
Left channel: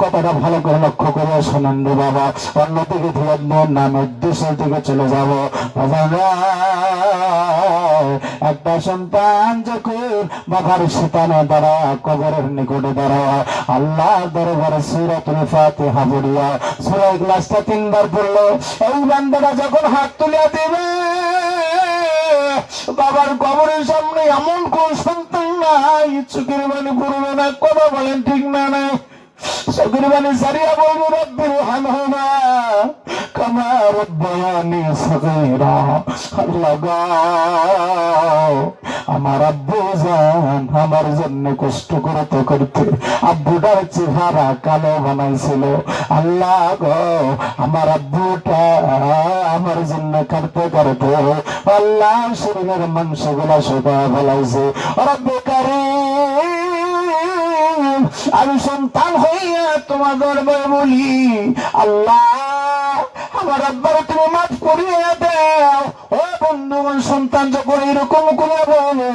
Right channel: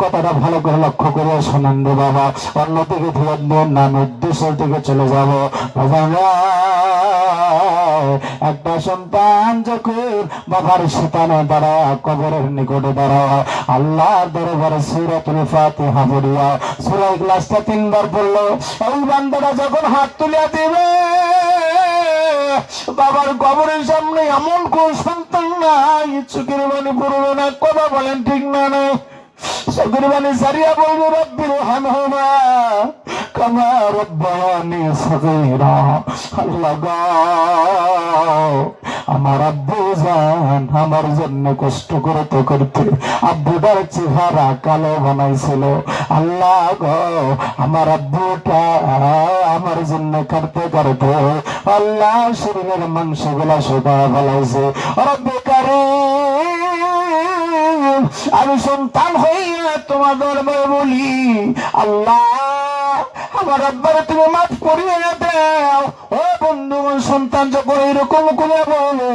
কথাটা ভালো করে লক্ষ্য করে শোনেন রে বাবা, অন্যদিকে ধ্যান দেন না, আমি উদ্দেশ্য থেকে চলে যাবো। একটা সন্তান যখন বাবার সেতানে দাঁড়া কবরের নিকটে দাঁড়া আল্লাহ দরবারে সূরাতুল ফাতিহা পড়িয়া সূরা ইখলাসটা 3 বার পড়লো, এই বান্দাটা যখন হাত তুলিয়া দিবে বাবার কবরের সামনে এমন কোন সন্তান নাই চোখের পানি পড়লো না। কথা বলেন ঠিক না? নাই চোখের পানি সারিয়া বলবো রব্বির হামহুমা কামা রাব্বায়ানি সগীরা। আল্লাহ গো আমার আব্বু জান আমার জন্য কষ্ট করতে করতে আব্বুটার চেহারা কালো বানাইছিল। আল্লাহ গো আমার আব্বুটা আমার জন্য কাটতে কাটতে আল্লাহ শরীরের মাংস গুলা শুকায় ফেলাইছে। রব্বে কারীম আমি সন্তান হইয়া তোমার দরবারে বলি আল্লাহ আমার আব্বারে তুমি মাফ করিয়া দাও। ও বন্ধুগণ সন্তান যখন এরকম করে বলে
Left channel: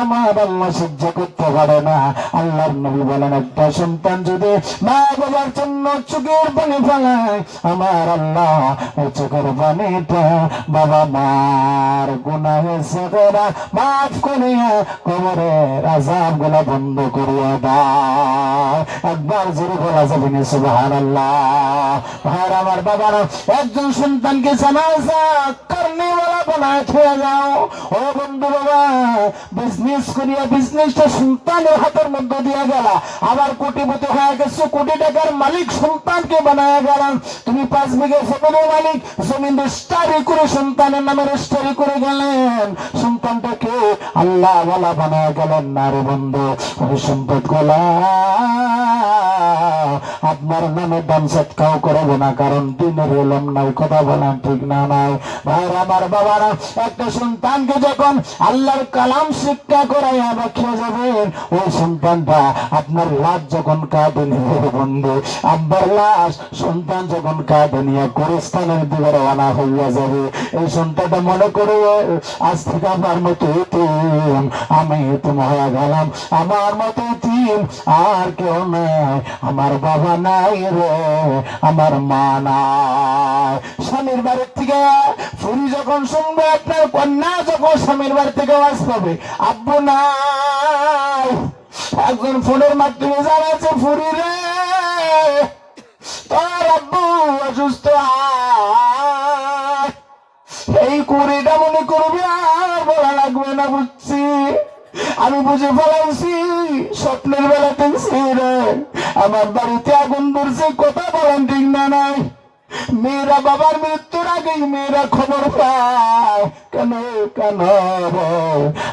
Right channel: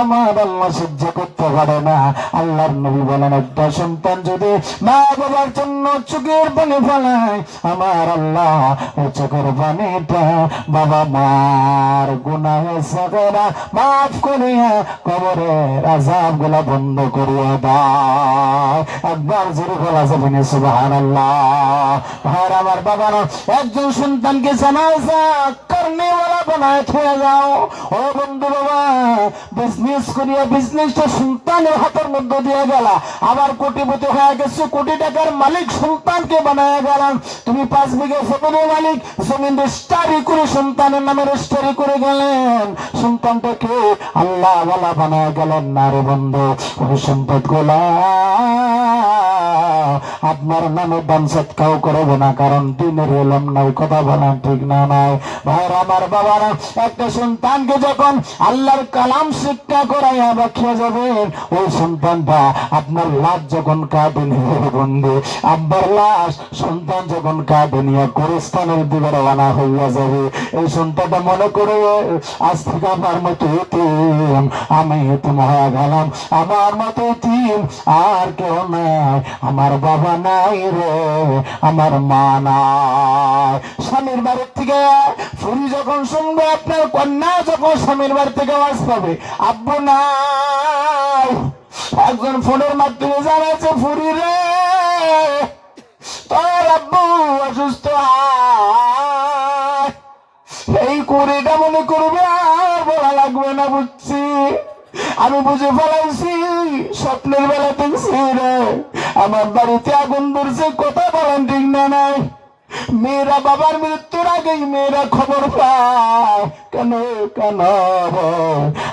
আমার আল্লাহ সহ্য করতে পারে না। আল্লাহর নবী বলেন একটা সন্তান যদি মা বাবার জন্য চোখের পানি ফেলায় আমার আল্লাহ ওই চোখের পানিটা বাবা মার গুনাহে সাগরা মাফ করিয়া কবরের আযাব গুলা বন্ধ করিয়া দাও। একবার জোরে বলা যাবে না সুবহানাল্লাহ। ভাই আমার বাবারা একজন সন্তানকে জানাজা করনেওয়ালা বানায় থুয়ে যাও। ও বন্ধু বাবা বিজনেস করিয়া বিজনেসটা সন্তানের হাতের মধ্যে দিয়ে গেলা, আবার কোটিপতি হয়ে গেছে, কোটি টাকার মালিক সন্তানকে বানায় গেলাম। তুমি 5 বিঘা জমির মালিক, জমিন রেজিস্ট্রি করে সন্তানের নামে রেজিস্ট্রি করে গেলেন, সন্তানটাকে আল্লাহ ওয়ালা বানায় গেলেন না রে বন্ধু। ওই সম্পদ গোলা আপনার নামে দান সৎকাও করবে না, কারণ দিনের এলম নাই, কথা বলা ঠিক না নাই। ভাইর আমার বাবারা, একটা সন্তানকে যখন আল্লাহর কালাম শিক্ষা করাইয়া রাখিয়া যাবেন, ওই সন্তানটা আপনার লাশ যখন কাঁধে নিয়ে বন্ধু, আব্বার লাশ সন্তান যখন কাঁধে নিয়ে গোরস্থানের দিকে রওনা হইয়া যাবে, এই সন্তানটা মনে করে আজ থেকে আমার মতো এতিম, আমি এতিম হয়ে গেলাম, আমার মতো এতিম আর কেউ নাই, আমার বাবা নাই রে, আমার মা নাই। স্বামীর বাড়ির থেকে ফুরি যখন শুনবে, আপনার কন্যা যখন স্বামীর বাড়ি থেকে আওয়াজ পাবে আব্বু নাই, একজন ফোনের মাধ্যমে জানাচ্ছে ফুরি রে তোর আব্বু অসুস্থ, এই কুড়িটা মনে করবে আর বলা লাগবে না, বুঝছি, আমি বুঝে ফেলাইছি, স্বপ্নের বেলা দেখছি রে আমার বাড়িতে আগুন ধরছে, কথা বলেন ঠিক না নাই। মেয়েরা বাবার মৃত্যুর আগেই মেয়েরা খবর পায়, কেন কেন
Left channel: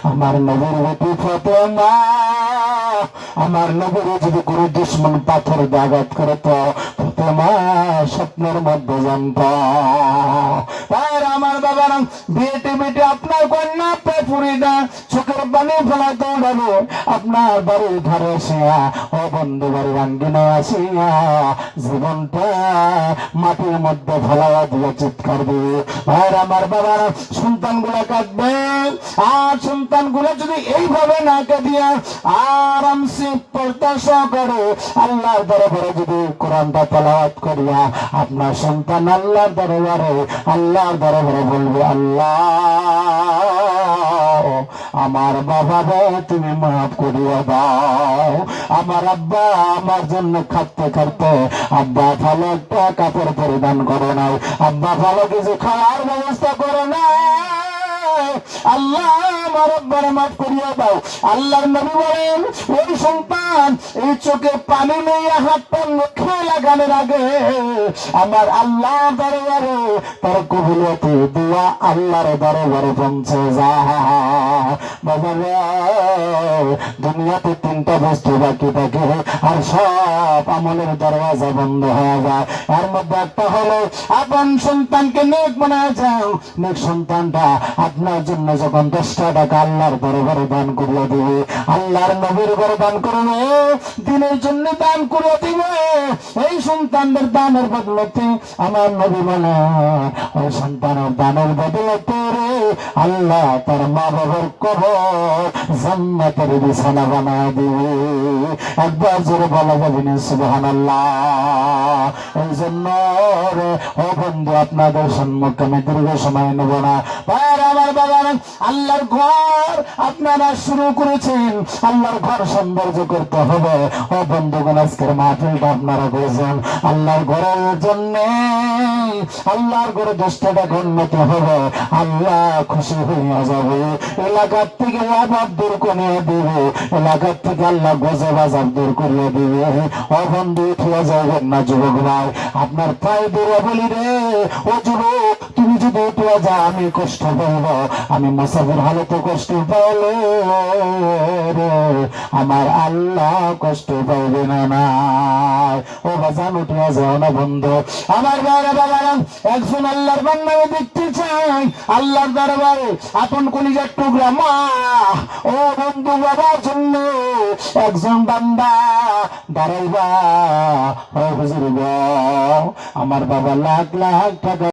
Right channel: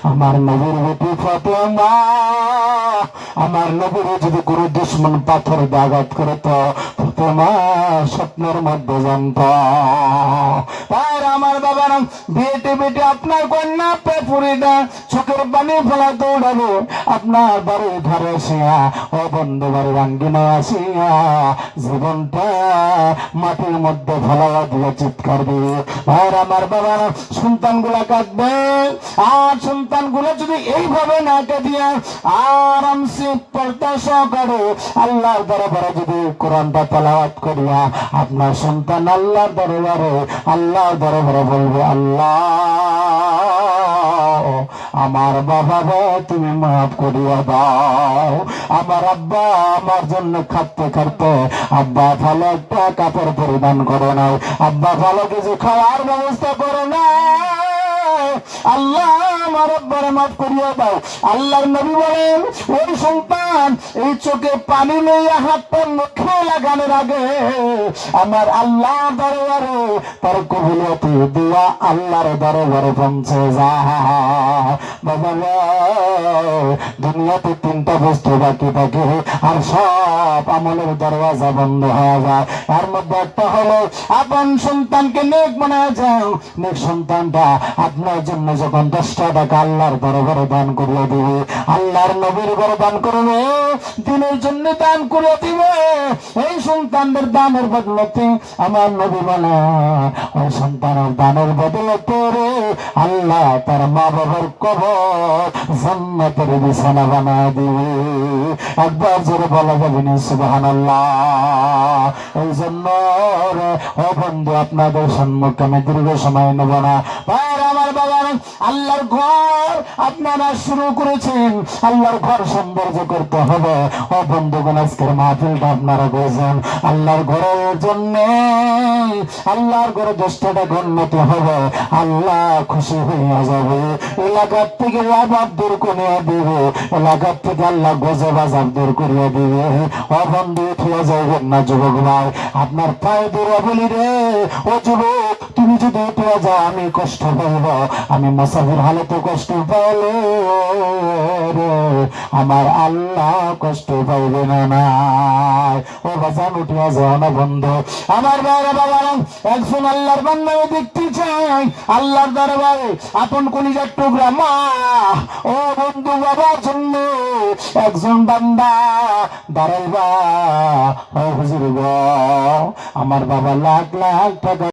আমার নবীর বেটি ফাতেমা, আমার নবীর যদি গুরু দুশ্মন পাথর আঘাত করে তো ফাতেমা স্বপ্নের মধ্যে জানত। আর আমার বাবার বেটে বেটে আপনার কন্যা পুরীটা চোখের পানি ফেলা দৌড়াবো, আপনার বাড়ির ধারে আসিয়া ও বন্ধু বাড়ির আঙ্গিনায় আসিয়া জীবনটা মাটির মধ্যে ফেলা দিয়ে চিৎকার দিয়ে। আর আমার বাবার সন্তান গুলা কাঁদবে, আর সন্তান গুলা যদি এইভাবে না কাঁদিয়া আরামসে পর্দা সহকারে আল্লাহর দরবারে যদি কোরআনটা তেলাওয়াত করিয়া আপনার সন্তান আল্লাহর দরবারে বলবে আল্লাহ আমার বাবা তুমি মাফ করিয়া দাও, আমার আব্বা আমার জন্য খাটতে খাটতে আব্বা ভালো একটা কাপড় পরিধান করে নাই, আব্বা ভালো কিছু খাওয়ার ব্যবস্থা করে নাই, আল্লাহ আমার আব্বার মাফ করিয়া দাও। আল্লাহর নবী বলেন ওই সন্তান এই চোখে পানি লইয়া হাতটা মুখে লাগানোর আগে আমার আল্লাহ দরবারে তার কবুলিয়ত দিয়া আল্লাহর দরবারে পৌঁছে যায়। বাবা দুনিয়াতে তিনটা বস্তু বাকি থাকে আর সব আমলের দরওয়াজা বন্ধ হয়ে যায়, এর মধ্যে একটা হলো আপন সন্তানকে নেক বানায় যাও। নেক সন্তানটা আপনার জন্য যখন 10টা টাকা আল্লাহর দরবারে দান করিয়া দিবে, আল্লাহর নবীর ঘরে দান করবে, দিনের জন্য দান করে দিবে, এই সন্তানদের দানের বদলতে আমার নবী বলে ওই সন্তানের দানের বদলতে রে আল্লাহ তার মা বাবার কবর জান্নাতের বিছানা বানায় দিবে। একবার জোরে বলা যাবে না সুবহানাল্লাহ। এই জন্য ও বন্ধু আপনাদের সম্মুখে আমি দীর্ঘ সময় নেব না। আমার বাবা আল্লাহর ঘর আপনারা শুরু করেছেন, আল্লাহর ঘর সৌন্দর্য করতে হবে। ও বন্ধুগণ আজকের মাহফিলটা আপনারা করেছেন আল্লাহর ঘরের জন্য, আল্লাহর ঘরে 10টা টাকা উন্নতি হবে, আল্লাহ খুশি হইয়া যাবে, এলাকার থেকে আবাদ দূর করে দিবে, এলাকার থেকে আল্লাহ গজব আজাব দূর করিয়া দিবে। ও বন্ধু উঠিয়া যাইবেন না যুবক ভাই, আপনার পায়ে দূরে বলি রে ও যুবক তুমি যদি উঠিয়া যাও আমি কষ্ট পাইব, আমি মুসাফির হালতে কষ্ট পাইলে আমার আল্লাহ কষ্ট পাইবে না। ও বাজান উঠিয়া যাও না বন্ধু আমার বাইরে বাবারা, একজন আল্লাহর বান্দাকে দেখতে চাই আল্লাহর দরবারে আপন কলিজার টুকরা মা, ও বন্ধু বাবার জন্য একজন বান্দা দাঁড়াইবা। ও হুজুর গো আমার বাবা লাখ লাখ টাকা